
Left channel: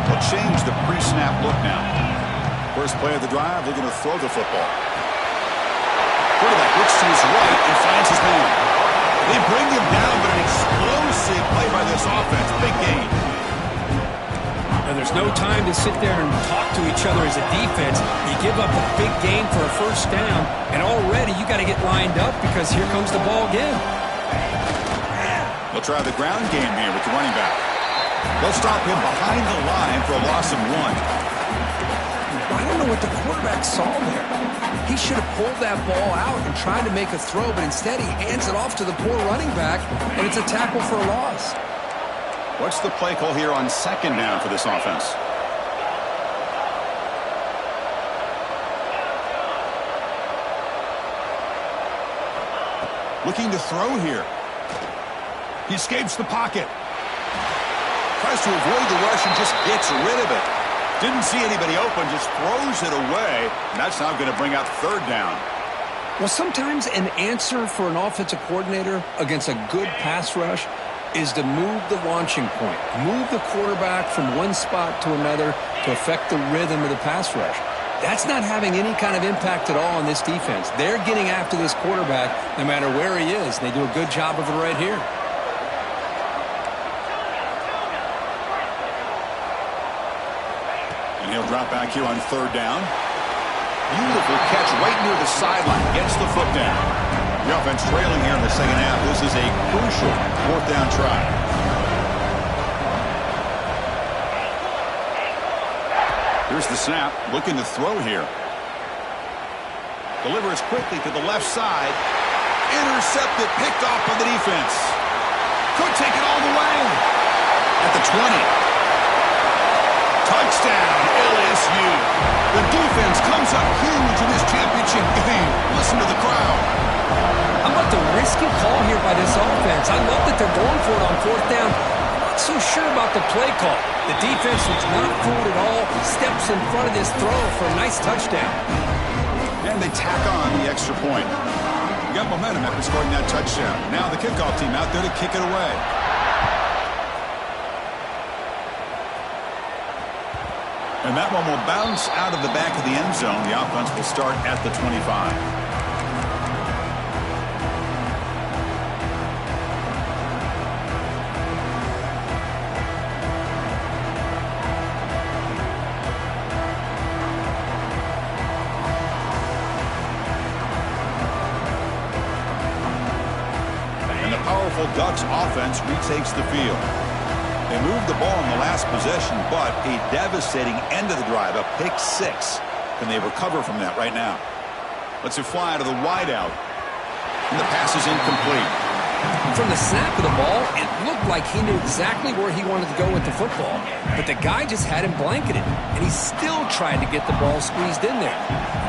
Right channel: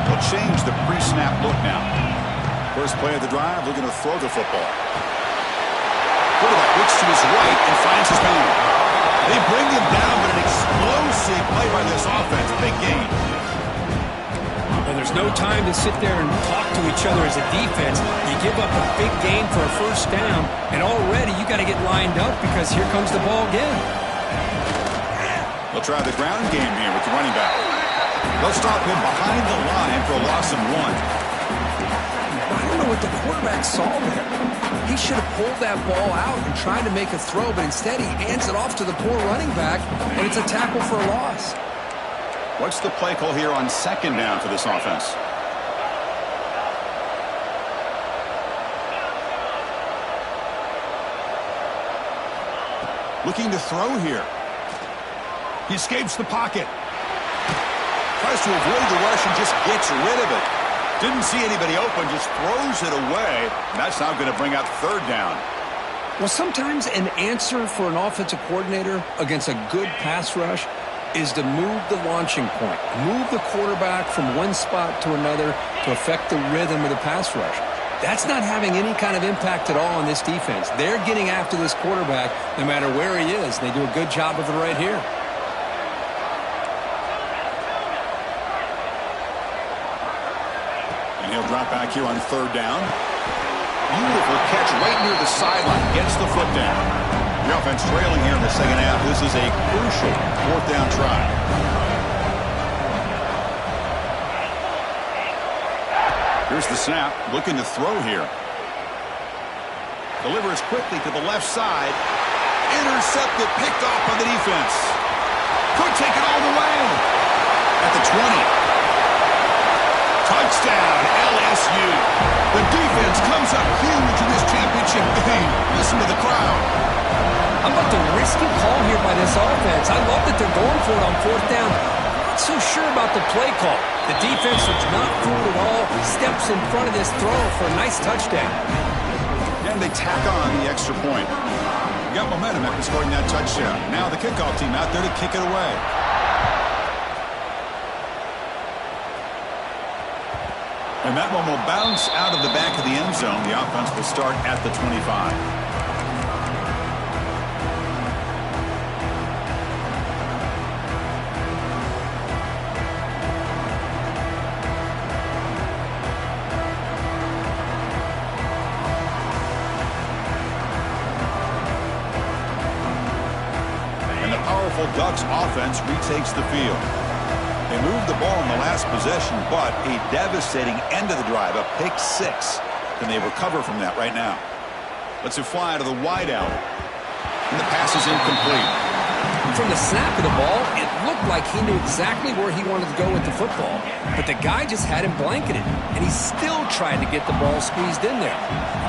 They'll change the pre-snap look now. First play of the drive, looking to throw the football. Quarterback looks to his right and finds his man. They bring him down, but an explosive play by this offense. Big gain. And there's no time to sit there and talk to each other as a defense. You give up a big gain for a first down, and already you got to get lined up because here comes the ball again. They'll try the ground game here with the running back. They'll stop him behind the line for a loss of 1. I don't know what the quarterback saw there. He should have pulled that ball out and tried to make a throw, but instead he hands it off to the poor running back, and it's a tackle for a loss. What's the play call here on second down for this offense? Looking to throw here. He escapes the pocket. Tries to avoid the rush and just gets rid of it. Didn't see anybody open, just throws it away. And that's now going to bring out third down. Well, sometimes an answer for an offensive coordinator against a good pass rush is to move the launching point, move the quarterback from one spot to another to affect the rhythm of the pass rush. That's not having any kind of impact at all on this defense. They're getting after this quarterback no matter where he is. They do a good job of it right here. And he'll drop back here on third down. Beautiful catch right near the sideline. Gets the foot down. The offense trailing here in the second half. This is a crucial fourth down try. Here's the snap. Looking to throw here. Delivers quickly to the left side. Intercepted. Picked off by the defense. Could take it all the way. At the 20. Touchdown, LSU. The defense comes up huge in this championship game. Listen to the crowd. How about the risky call here by this offense? I love that they're going for it on fourth down. I'm not so sure about the play call. The defense was not fooled at all. Steps in front of this throw for a nice touchdown. And they tack on the extra point. Got momentum after scoring that touchdown. Now the kickoff team out there to kick it away. And that one will bounce out of the back of the end zone. The offense will start at the 25. And the powerful Ducks offense retakes the field. They moved the ball in the last possession, but a devastating end of the drive, a pick six. Can they recover from that right now? Lets it fly to the wideout. And the pass is incomplete. From the snap of the ball, it looked like he knew exactly where he wanted to go with the football. But the guy just had him blanketed, and he still tried to get the ball squeezed in there.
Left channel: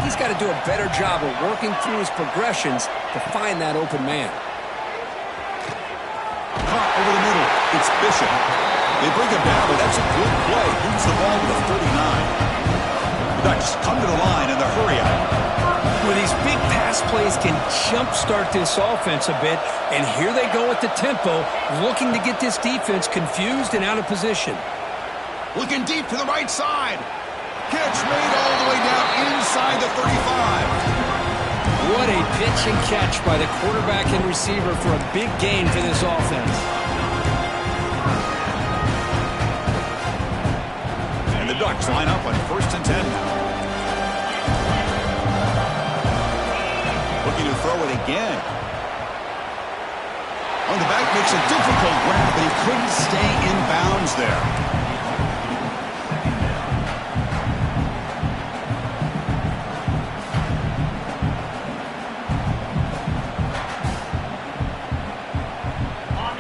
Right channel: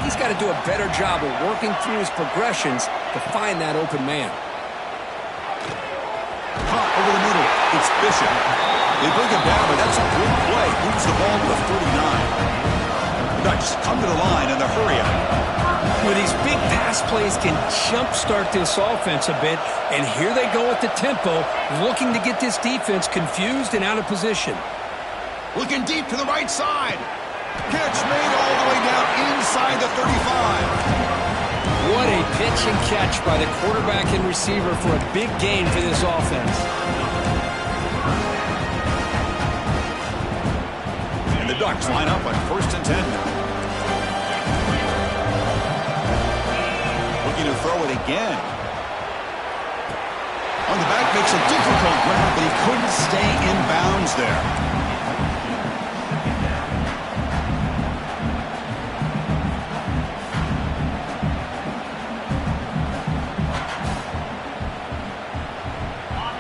He's got to do a better job of working through his progressions to find that open man. Caught over the middle. It's Bishop. They bring him down, but that's a good play. Moves the ball to the 39. The Ducks come to the line in the hurry out. Well, these big pass plays can jumpstart this offense a bit, and here they go at the tempo, looking to get this defense confused and out of position. Looking deep to the right side. Catch made all the way down inside the 35. What a pitch and catch by the quarterback and receiver for a big gain for this offense. And the Ducks line up on 1st and 10 now. Looking to throw it again. On the back, makes a difficult grab, but he couldn't stay in bounds there.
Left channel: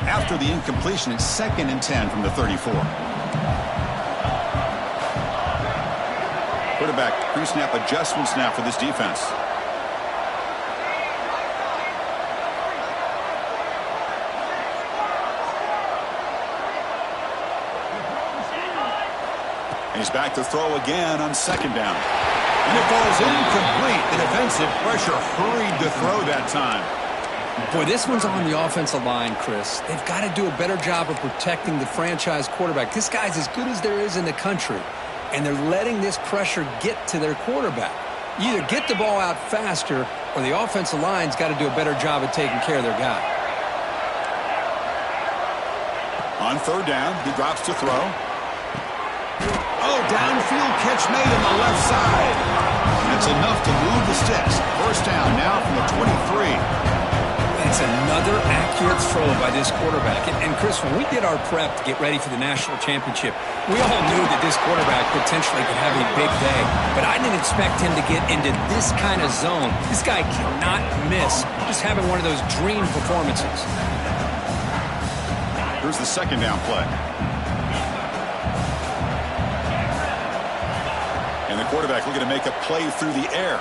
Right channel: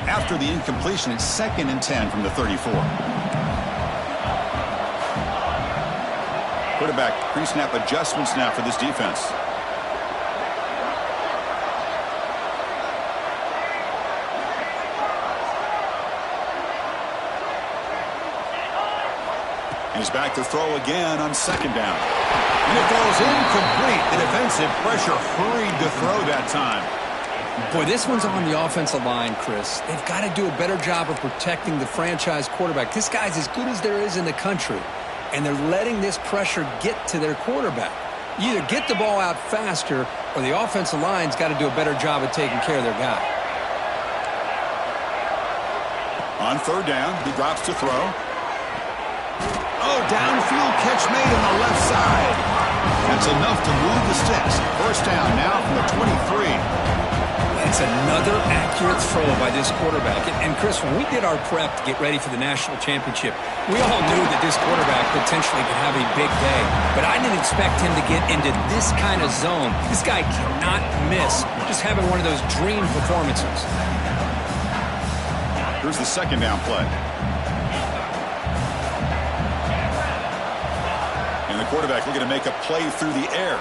After the incompletion, it's 2nd and 10 from the 34. Quarterback pre-snap adjustments now for this defense. And he's back to throw again on 2nd down. And it falls incomplete. The defensive pressure hurried to throw that time. Boy, this one's on the offensive line, Chris. They've got to do a better job of protecting the franchise quarterback. This guy's as good as there is in the country, and they're letting this pressure get to their quarterback. You either get the ball out faster, or the offensive line's got to do a better job of taking care of their guy. On 3rd down, he drops to throw. Oh, downfield catch made on the left side. That's enough to move the sticks. 1st down now from the 23. It's another accurate throw by this quarterback. And Chris, when we did our prep to get ready for the national championship, we all knew that this quarterback potentially could have a big day. But I didn't expect him to get into this kind of zone. This guy cannot miss. Just having one of those dream performances. Here's the 2nd down play. And the quarterback looking to make a play through the air.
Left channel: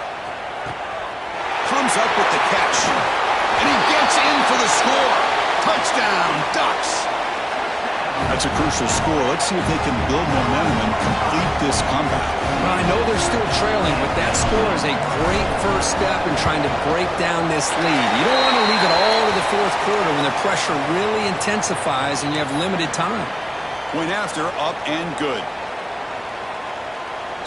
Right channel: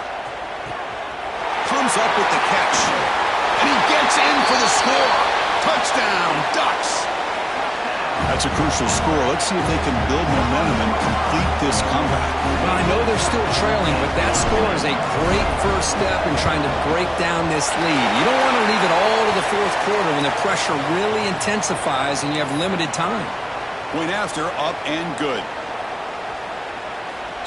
Comes up with the catch. And he gets in for the score. Touchdown, Ducks. That's a crucial score. Let's see if they can build momentum and complete this comeback. Well, I know they're still trailing, but that score is a great first step in trying to break down this lead. You don't want to leave it all to the 4th quarter when the pressure really intensifies and you have limited time. Point after, up and good.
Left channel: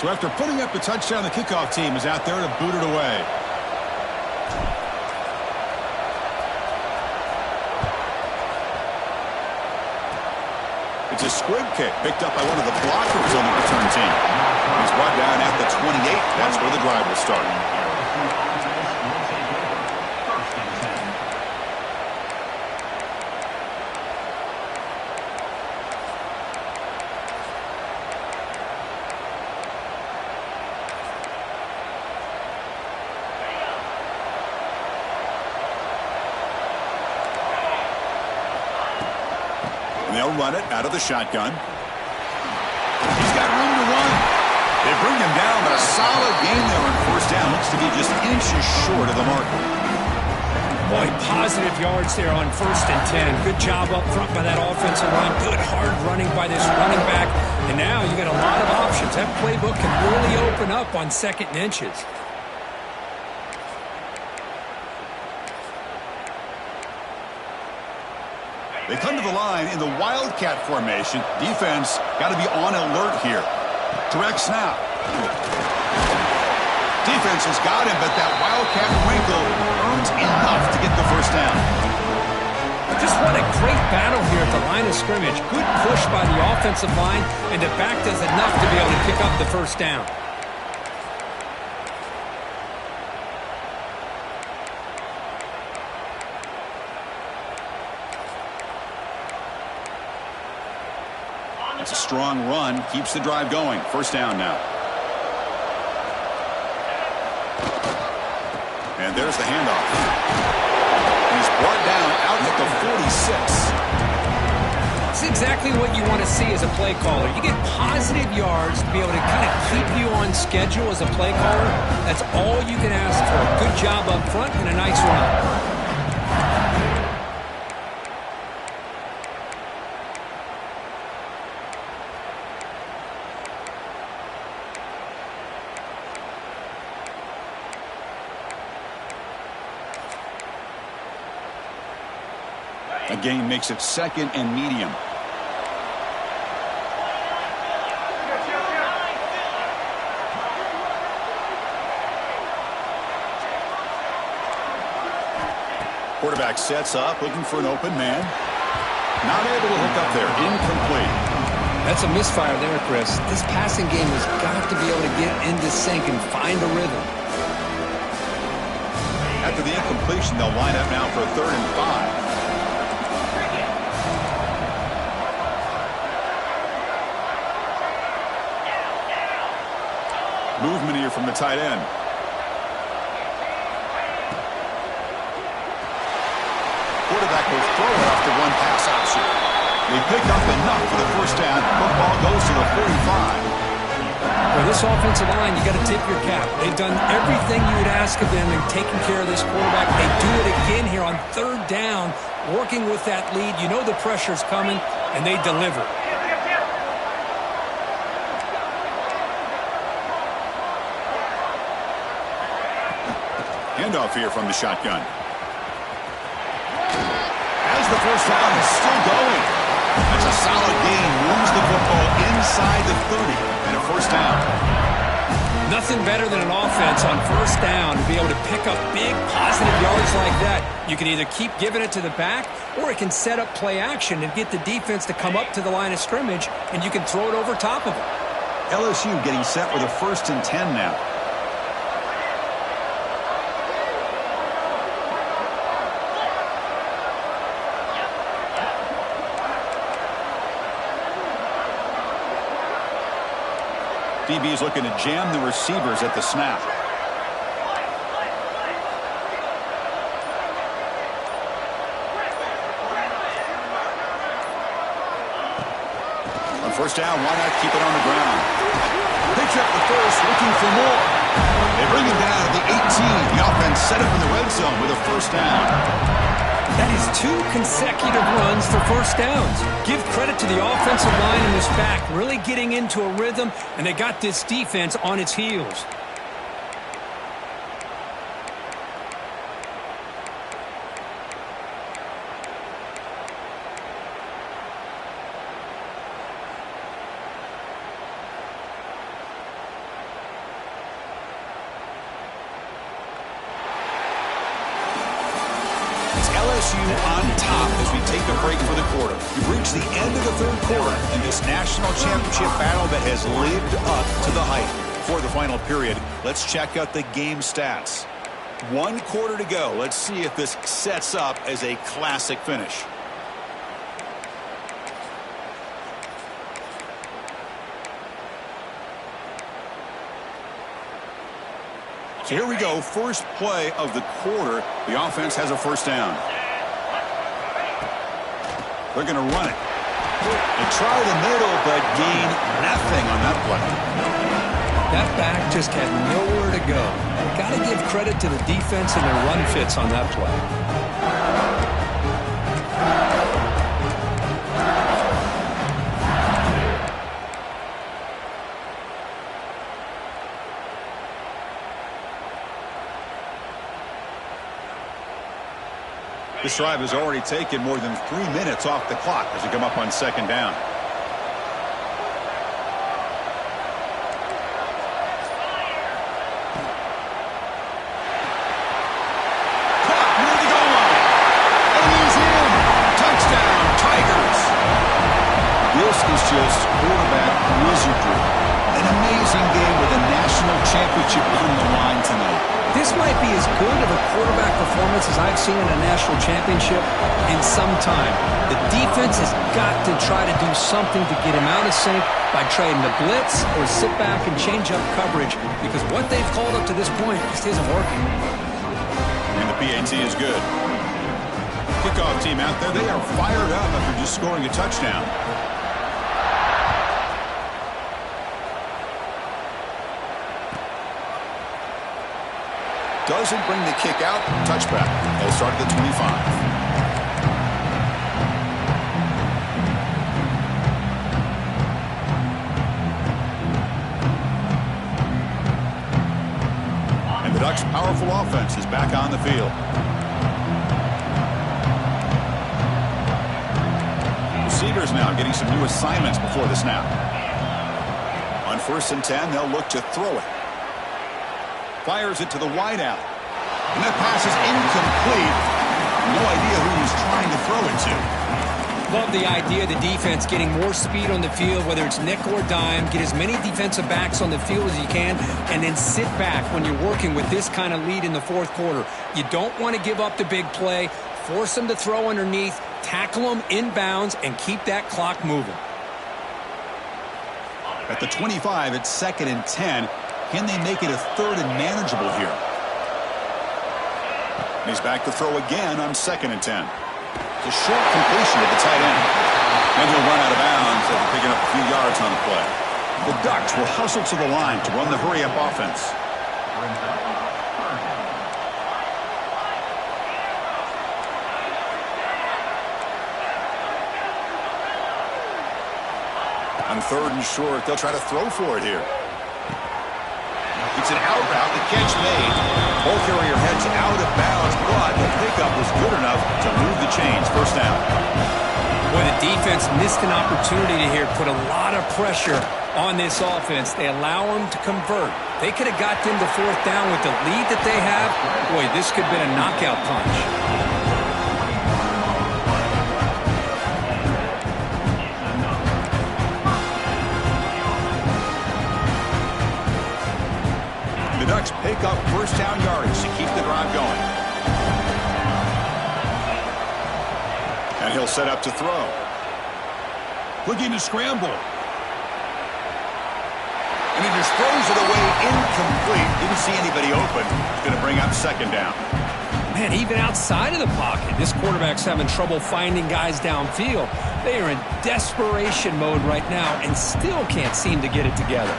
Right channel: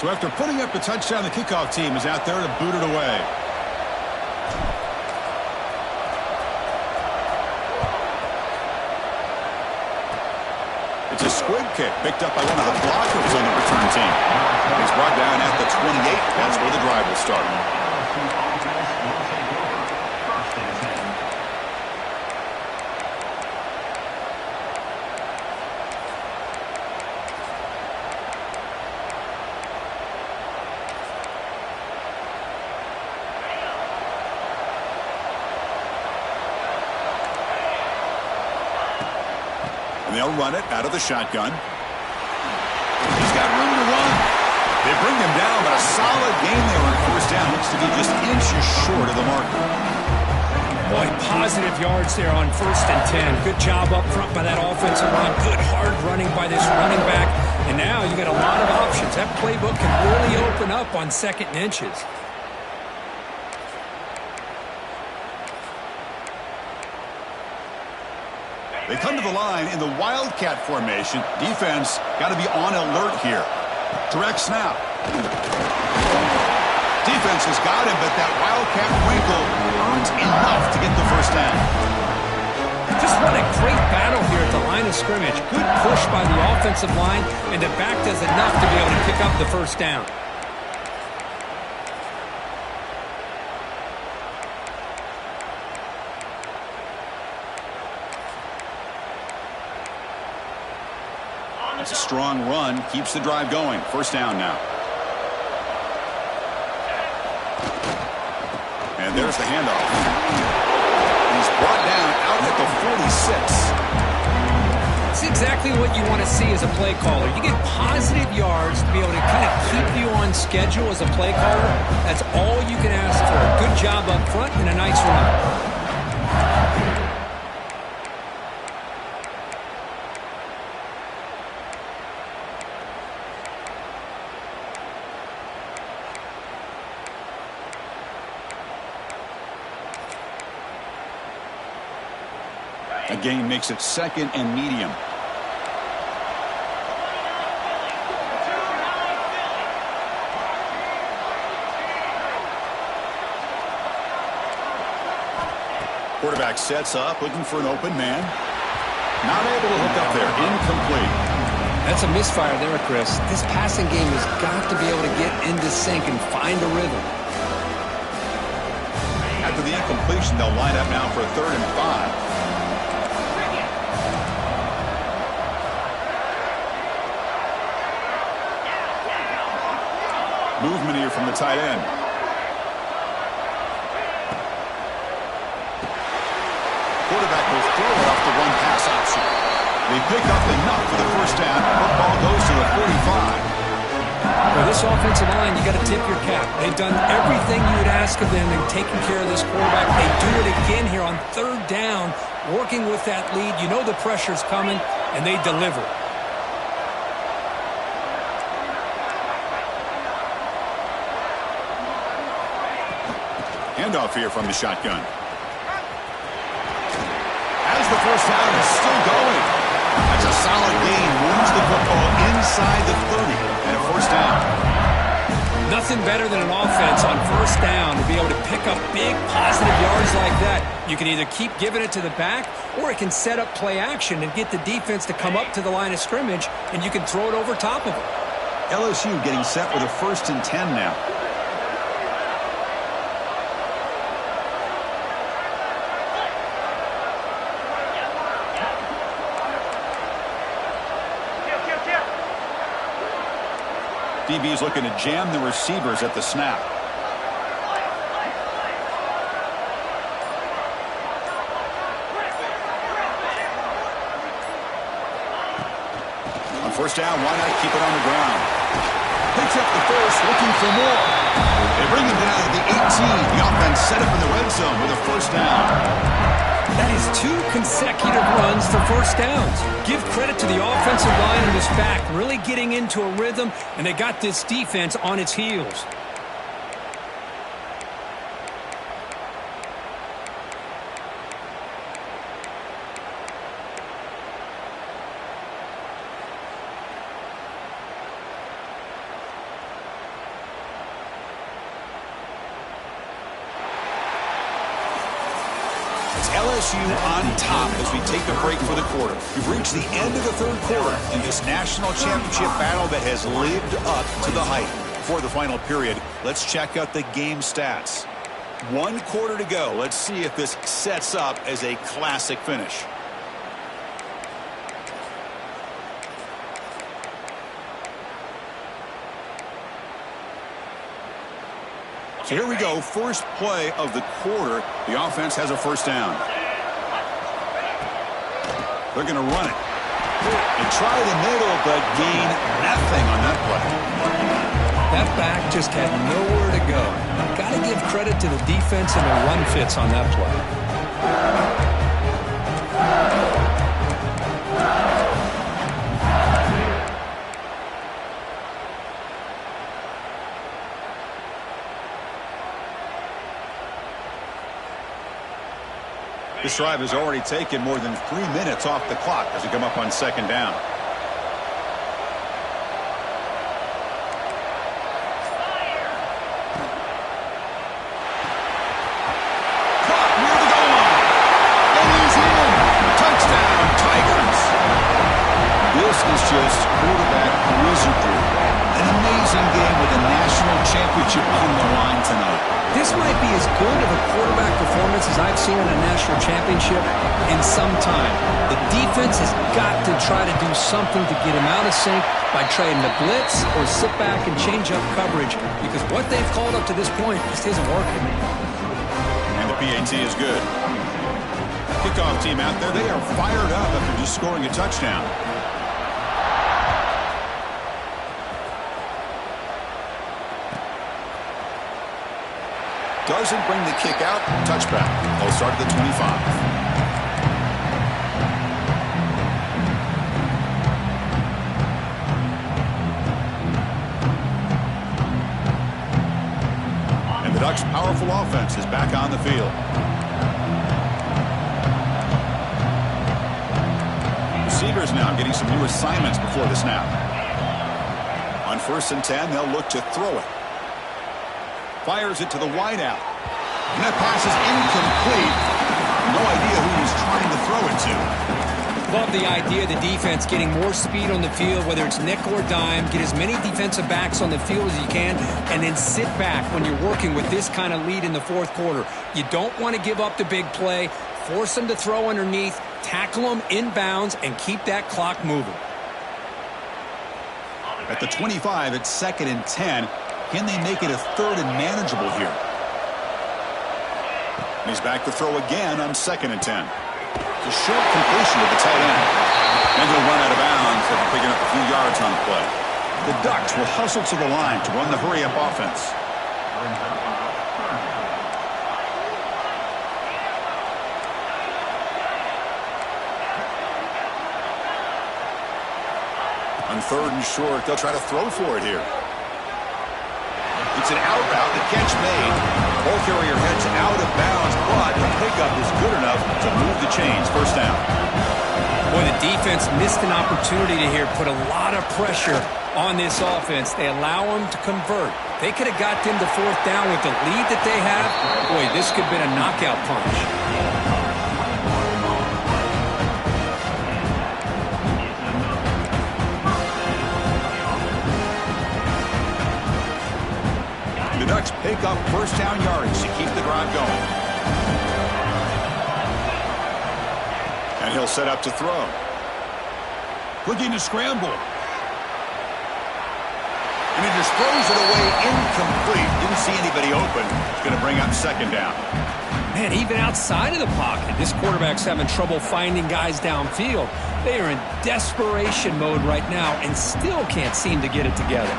So after putting up a touchdown, the kickoff team is out there to boot it away. It's a squib kick picked up by one of the blockers on the return team. He's brought down at the 28. That's where the drive will start. LSU offense will take over. First and 10. And they'll run it out of the shotgun. He's got room to run. They bring him down, but a solid gain there on first down. Looks to be just inches short of the marker. Boy, positive yards there on first and 10. Good job up front by that offensive line. Good hard running by this running back. And now you got a lot of options. That playbook can really open up on second and inches. They come to the line in the Wildcat formation. Defense got to be on alert here. Direct snap. Defense has got him, but that Wildcat wrinkle earns enough to get the first down. Just what a great battle here at the line of scrimmage. Good push by the offensive line, and the back does enough to be able to pick up the first down. It's a strong run, keeps the drive going. First down now. And there's the handoff. He's brought down out at the 46. It's exactly what you want to see as a play caller. You get positive yards to be able to kind of keep you on schedule as a play caller. That's all you can ask for. Good job up front and a nice run. A gain makes it second and medium. Quarterback sets up, looking for an open man. Not able to hook up there. Incomplete. That's a misfire there, Chris. This passing game has got to be able to get into sync and find a rhythm. After the incompletion, they'll line up now for a 3rd and 5. Movement here from the tight end. Quarterback will throw it off the one pass option. They pick up enough for the first down. Football goes to the 45. For this offensive line, you got to tip your cap. They've done everything you would ask of them in taking care of this quarterback. They do it again here on 3rd down, working with that lead. You know the pressure's coming, and they deliver. Handoff here from the shotgun. As the first down is still going. That's a solid gain. Moves the football inside the 30 and a first down. Nothing better than an offense on first down to be able to pick up big positive yards like that. You can either keep giving it to the back, or it can set up play action and get the defense to come up to the line of scrimmage, and you can throw it over top of them. LSU getting set with a 1st and 10 now. DB's looking to jam the receivers at the snap. On first down, why not keep it on the ground? Picks up the first, looking for more. They bring him down at the 18. The offense set up in the red zone with a first down. That is 2 consecutive runs for first downs. Give credit to the offensive line and this back, really getting into a rhythm, and they got this defense on its heels. LSU on top as we take a break for the quarter. We've reached the end of the third quarter in this national championship battle that has lived up to the hype. For the final period, let's check out the game stats. 1 quarter to go. Let's see if this sets up as a classic finish. So here we go, first play of the quarter. The offense has a first down. They're going to run it. They try the middle, but gain nothing on that play. That back just had nowhere to go. Got to give credit to the defense and their run fits on that play. This drive has already taken more than 3 minutes off the clock as we come up on second down. Caught near the goal line. And he's in. Touchdown, Tigers. This is just quarterback wizardry. An amazing game with a national championship on the line tonight. This might be as good of a quarterback performance as I've seen in a national championship in some time. The defense has got to try to do something to get him out of sync by trading the blitz or sit back and change up coverage, because what they've called up to this point just isn't working. And the PAT is good. Kickoff team out there, they are fired up after just scoring a touchdown. Doesn't bring the kick out. Touchback. They'll start at the 25. And the Ducks' powerful offense is back on the field. Receivers now getting some new assignments before the snap. On 1st and 10, they'll look to throw it. Fires it to the wideout. And that pass is incomplete. No idea who he's trying to throw it to. Love the idea of the defense getting more speed on the field, whether it's nickel or dime. Get as many defensive backs on the field as you can, and then sit back when you're working with this kind of lead in the fourth quarter. You don't want to give up the big play. Force them to throw underneath, tackle them inbounds, and keep that clock moving. At the 25, it's 2nd and 10. Can they make it a 3rd and manageable here? And he's back to throw again on 2nd and 10. It's a short completion to the tight end. And he'll run out of bounds after picking up a few yards on the play. The Ducks will hustle to the line to run the hurry-up offense. On 3rd and short, they'll try to throw for it here. It's an out route, the catch made. Ball carrier heads out of bounds, but the pickup was good enough to move the chains. First down. Boy, the defense missed an opportunity to here put a lot of pressure on this offense. They allow them to convert. They could have got them to 4th down with the lead that they have. Boy, this could have been a knockout punch. The Ducks pick up first down yardage to keep the drive going. And he'll set up to throw. Looking to scramble. And he just throws it away incomplete. Didn't see anybody open. It's going to bring up 2nd down. Man, even outside of the pocket, this quarterback's having trouble finding guys downfield. They are in desperation mode right now and still can't seem to get it together.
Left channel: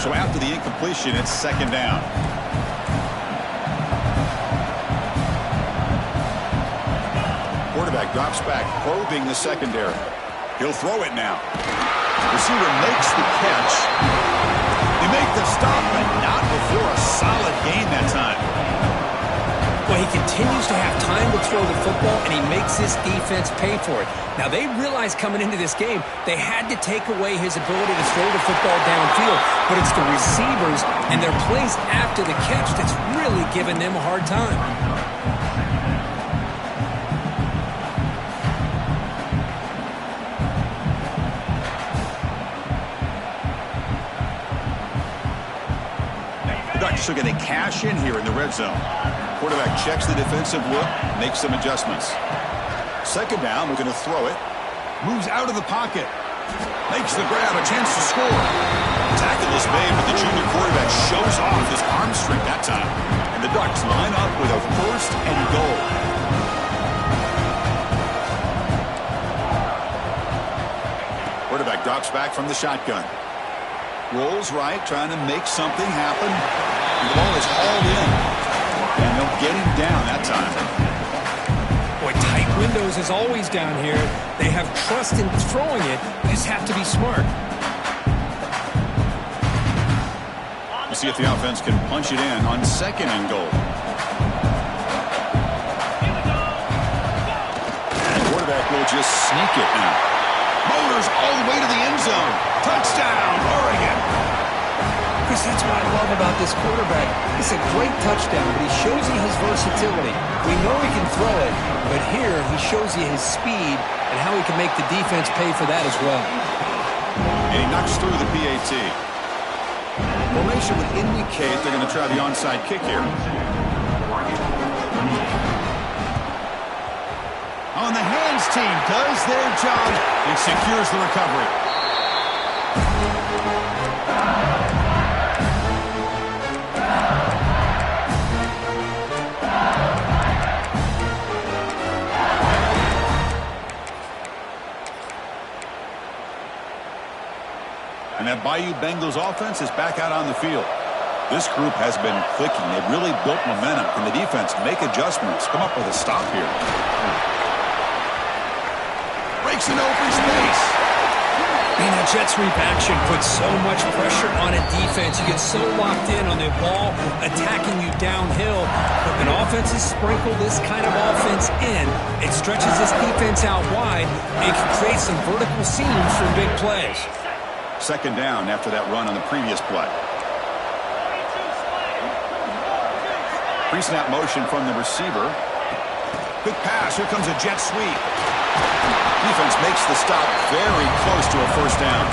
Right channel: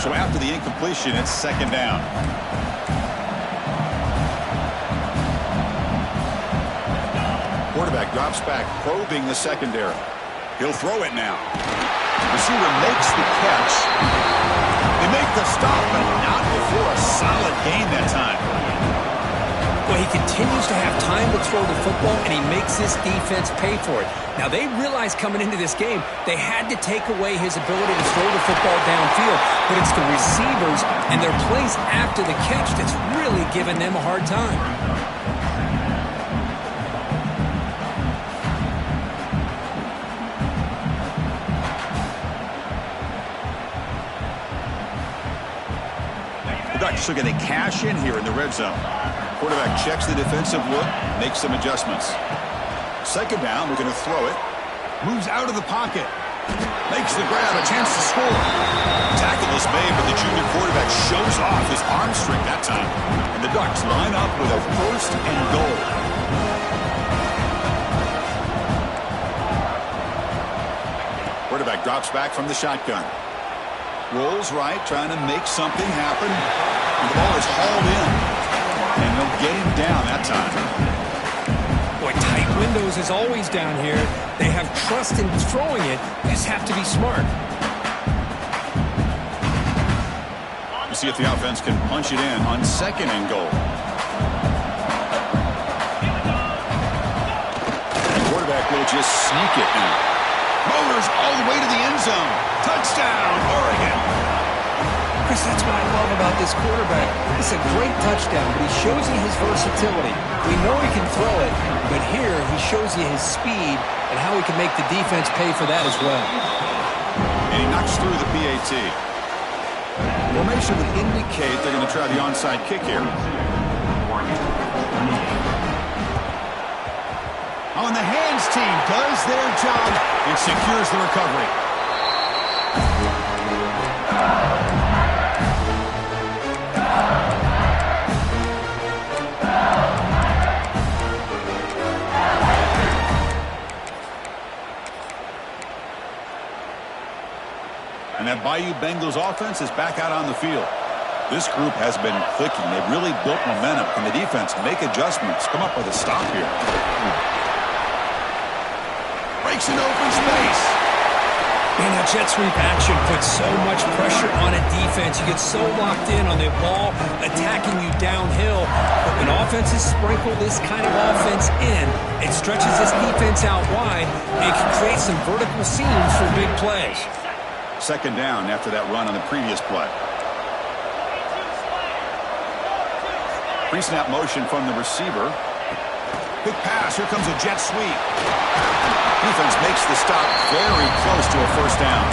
So after the incompletion, it's 2nd down. Quarterback drops back, probing the secondary. He'll throw it now. Receiver makes the catch. They make the stop, but not before a solid gain that time. Well, he continues to have time to throw the football, and he makes this defense pay for it. Now, they realized coming into this game they had to take away his ability to throw the football downfield, but it's the receivers and their plays after the catch that's really giving them a hard time. Ducks are going to cash in here in the red zone. Quarterback checks the defensive look, makes some adjustments. Second down, we're going to throw it. Moves out of the pocket. Makes the grab, a chance to score. Tackle is made, but the junior quarterback shows off his arm strength that time. And the Ducks line up with a 1st and goal. Quarterback drops back from the shotgun. Rolls right, trying to make something happen. And the ball is hauled in. And they'll get him down that time. Boy, tight windows is always down here. They have trust in throwing it. They just have to be smart. We'll see if the offense can punch it in on 2nd and goal. The quarterback will just sneak it now. Motors all the way to the end zone. Touchdown, Oregon. Chris, that's what I love about this quarterback. It's a great touchdown, but he shows you his versatility. We know he can throw it, but here he shows you his speed and how he can make the defense pay for that as well. And he knocks through the PAT. Formation would indicate they're going to try the onside kick here. On the hands team does their job and secures the recovery. And that Bayou Bengals offense is back out on the field. This group has been clicking. They've really built momentum. Can the defense make adjustments? Come up with a stop here. Breaks an open space. Man, that jet sweep action puts so much pressure on a defense. You get so locked in on the ball attacking you downhill. But when offenses sprinkle this kind of offense in, it stretches this defense out wide and can create some vertical seams for big plays. 2nd down after that run on the previous play. Pre-snap motion from the receiver. Quick pass. Here comes a jet sweep. Defense makes the stop very close to a 1st down.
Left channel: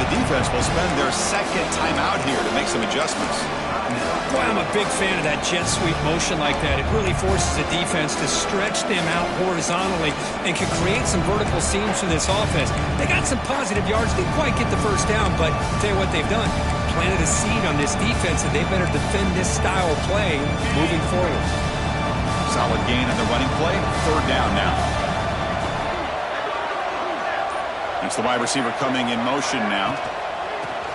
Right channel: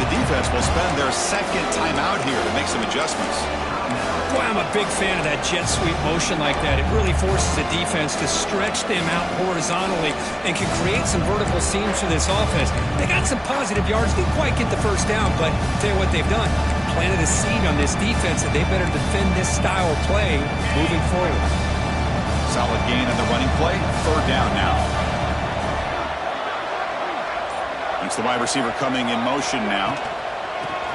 The defense will spend their 2nd timeout here to make some adjustments. Boy, I'm a big fan of that jet sweep motion like that. It really forces the defense to stretch them out horizontally and can create some vertical seams for this offense. They got some positive yards. Didn't quite get the 1st down, but I'll tell you what they've done. Planted a seed on this defense that they better defend this style of play moving forward. Solid gain on the running play. 3rd down now. It's the wide receiver coming in motion now.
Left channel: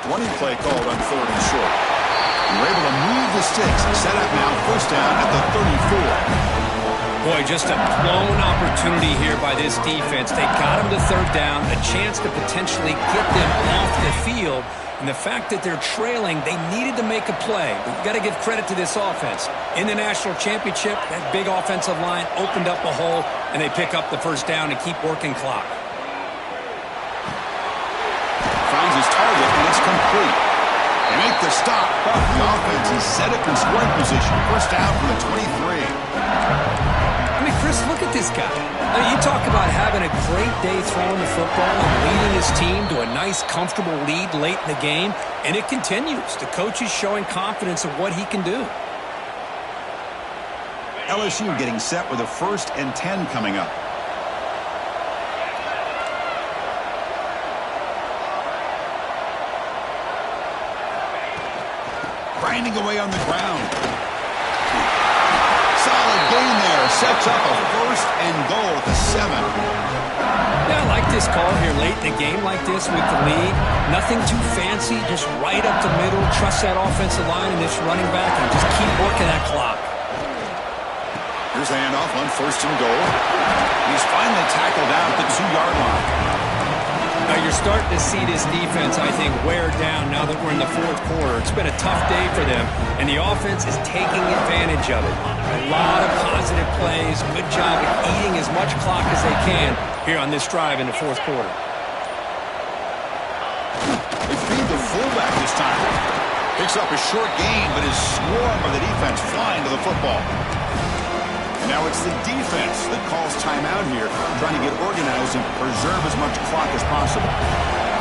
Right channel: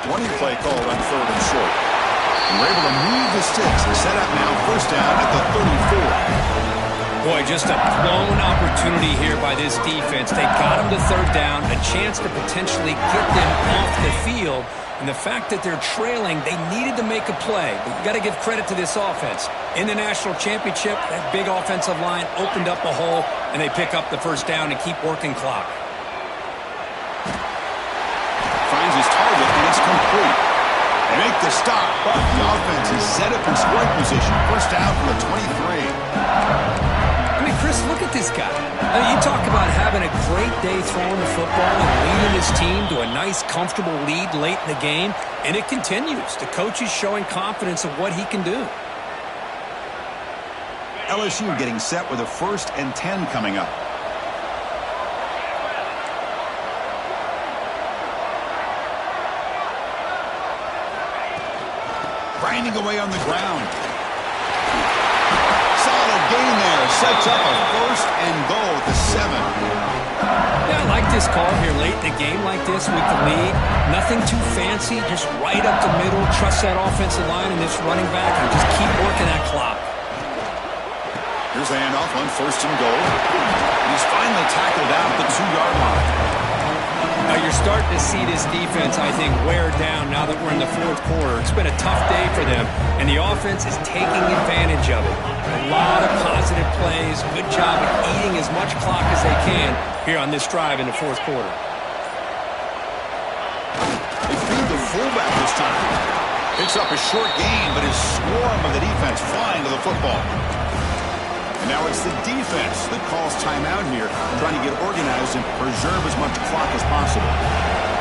Running play called on 3rd and short. And we're able to move the sticks. Set up now, 1st down at the 34. Boy, just a blown opportunity here by this defense. They got him to 3rd down, a chance to potentially get them off the field. And the fact that they're trailing, they needed to make a play. But you got to give credit to this offense. In the national championship, that big offensive line opened up a hole, and they pick up the 1st down and keep working clock. Finds his target, and it's complete. They make the stop, but the offense is set up in scoring position. 1st down from the 23. I mean, Chris, look at this guy. I mean, you talk about having a great day throwing the football and leading his team to a nice, comfortable lead late in the game, and it continues. The coach is showing confidence of what he can do. LSU getting set with a 1st and 10 coming up. Grinding away on the ground. Solid gain there. Sets up a 1st and goal at the 7. Yeah, I like this call here late in the game like this with the lead. Nothing too fancy, just right up the middle. Trust that offensive line and this running back and just keep working that clock. Here's the handoff on 1st and goal. He's finally tackled out at the 2-yard line. You're starting to see this defense, I think, wear down now that we're in the fourth quarter. It's been a tough day for them, and the offense is taking advantage of it. A lot of positive plays. Good job of eating as much clock as they can here on this drive in the fourth quarter. They feed the fullback this time. Picks up a short gain, but his swarm of the defense flying to the football. And now it's the defense that calls timeout here, trying to get organized and preserve as much clock as possible.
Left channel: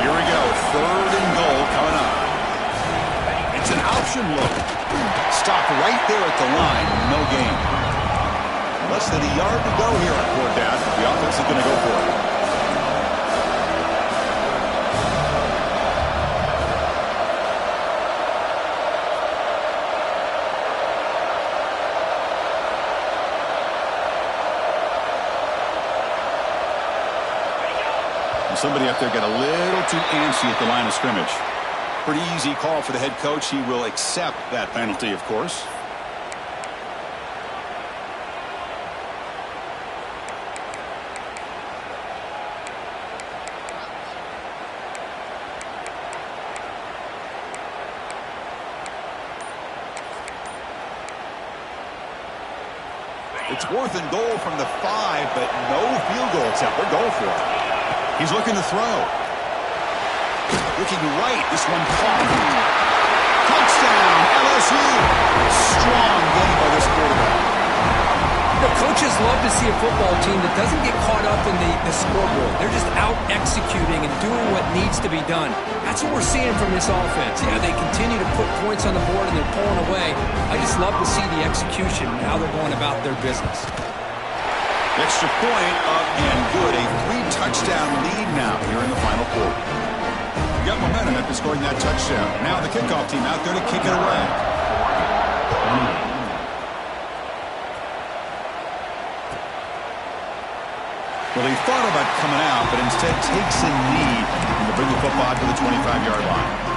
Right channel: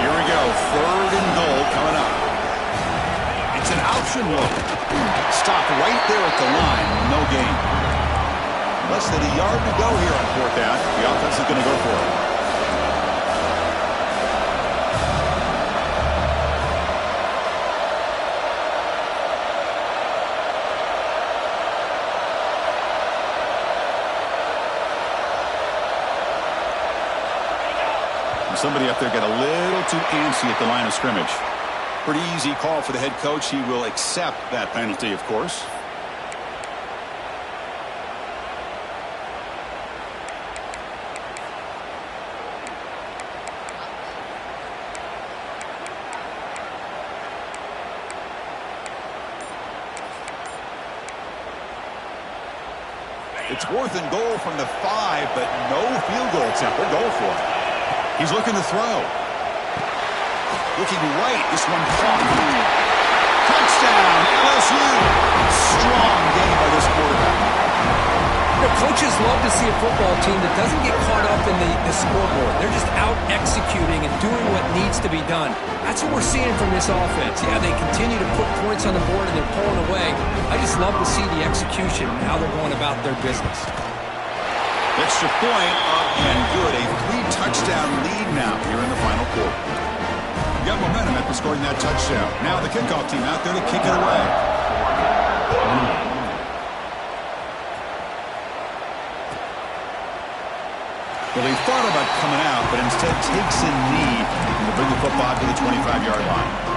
Here we go, 3rd and goal coming up. It's an option look. Stopped right there at the line, no gain. Less than a yard to go here on 4th down. The offense is going to go for it. Somebody up there got a little too antsy at the line of scrimmage. Pretty easy call for the head coach. He will accept that penalty, of course. It's 4th and goal from the 5, but no field goal attempt. They're going for it. He's looking to throw. Looking right. This one caught. Touchdown, LSU. Strong game by this quarterback. You know, coaches love to see a football team that doesn't get caught up in the scoreboard. They're just out executing and doing what needs to be done. That's what we're seeing from this offense. Yeah, they continue to put points on the board and they're pulling away. I just love to see the execution and how they're going about their business. Extra point up and good. A 3-touchdown lead now here in the final quarter. You got momentum after scoring that touchdown. Now the kickoff team out there to kick it away. Well, he thought about coming out, but instead takes a knee to bring the football to the 25-yard line.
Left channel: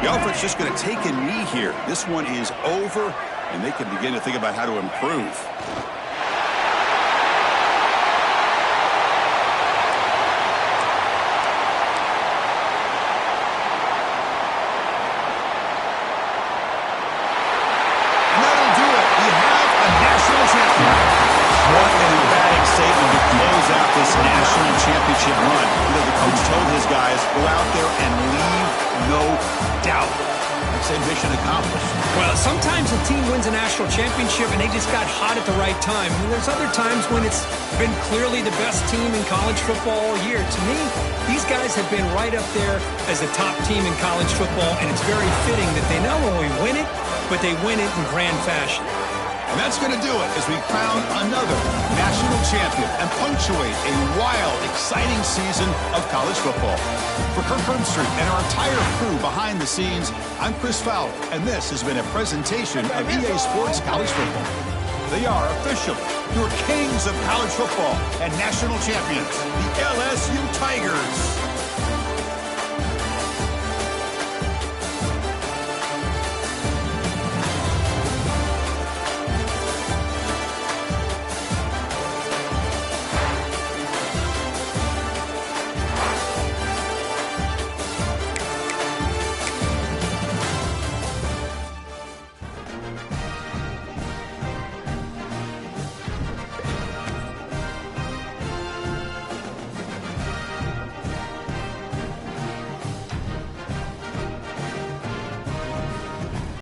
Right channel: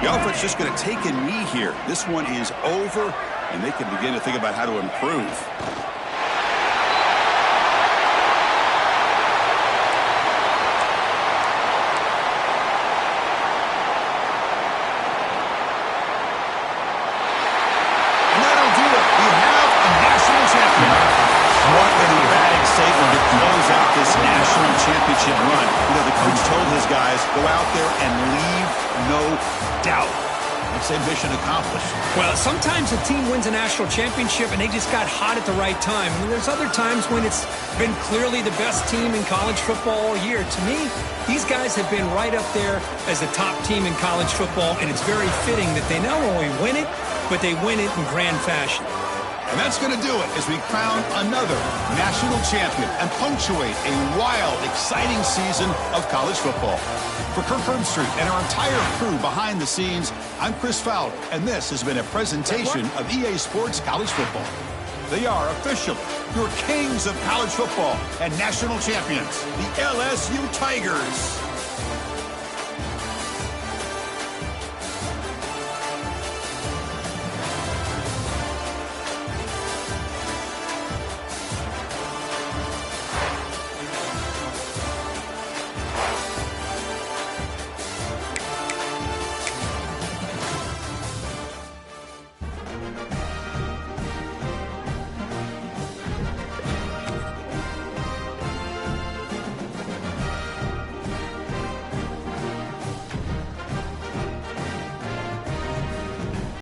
The offense just going to take a knee here. This one is over, and they can begin to think about how to improve. And that'll do it. We have a national champion. What an emphatic statement to close out this national championship run. You know, the coach told his guys, go out there and leave no doubt. I'd say mission accomplished. Well, sometimes a team wins a national championship and they just got hot at the right time. And there's other times when it's been clearly the best team in college football all year. To me, these guys have been right up there as the top team in college football, and it's very fitting that they not only win it, but they win it in grand fashion. And that's going to do it as we crown another national champion and punctuate a wild, exciting season of college football. For Kirk Herbstreit and our entire crew behind the scenes, I'm Chris Fowler, and this has been a presentation of EA Sports College Football. They are officially your kings of college football and national champions, the LSU Tigers.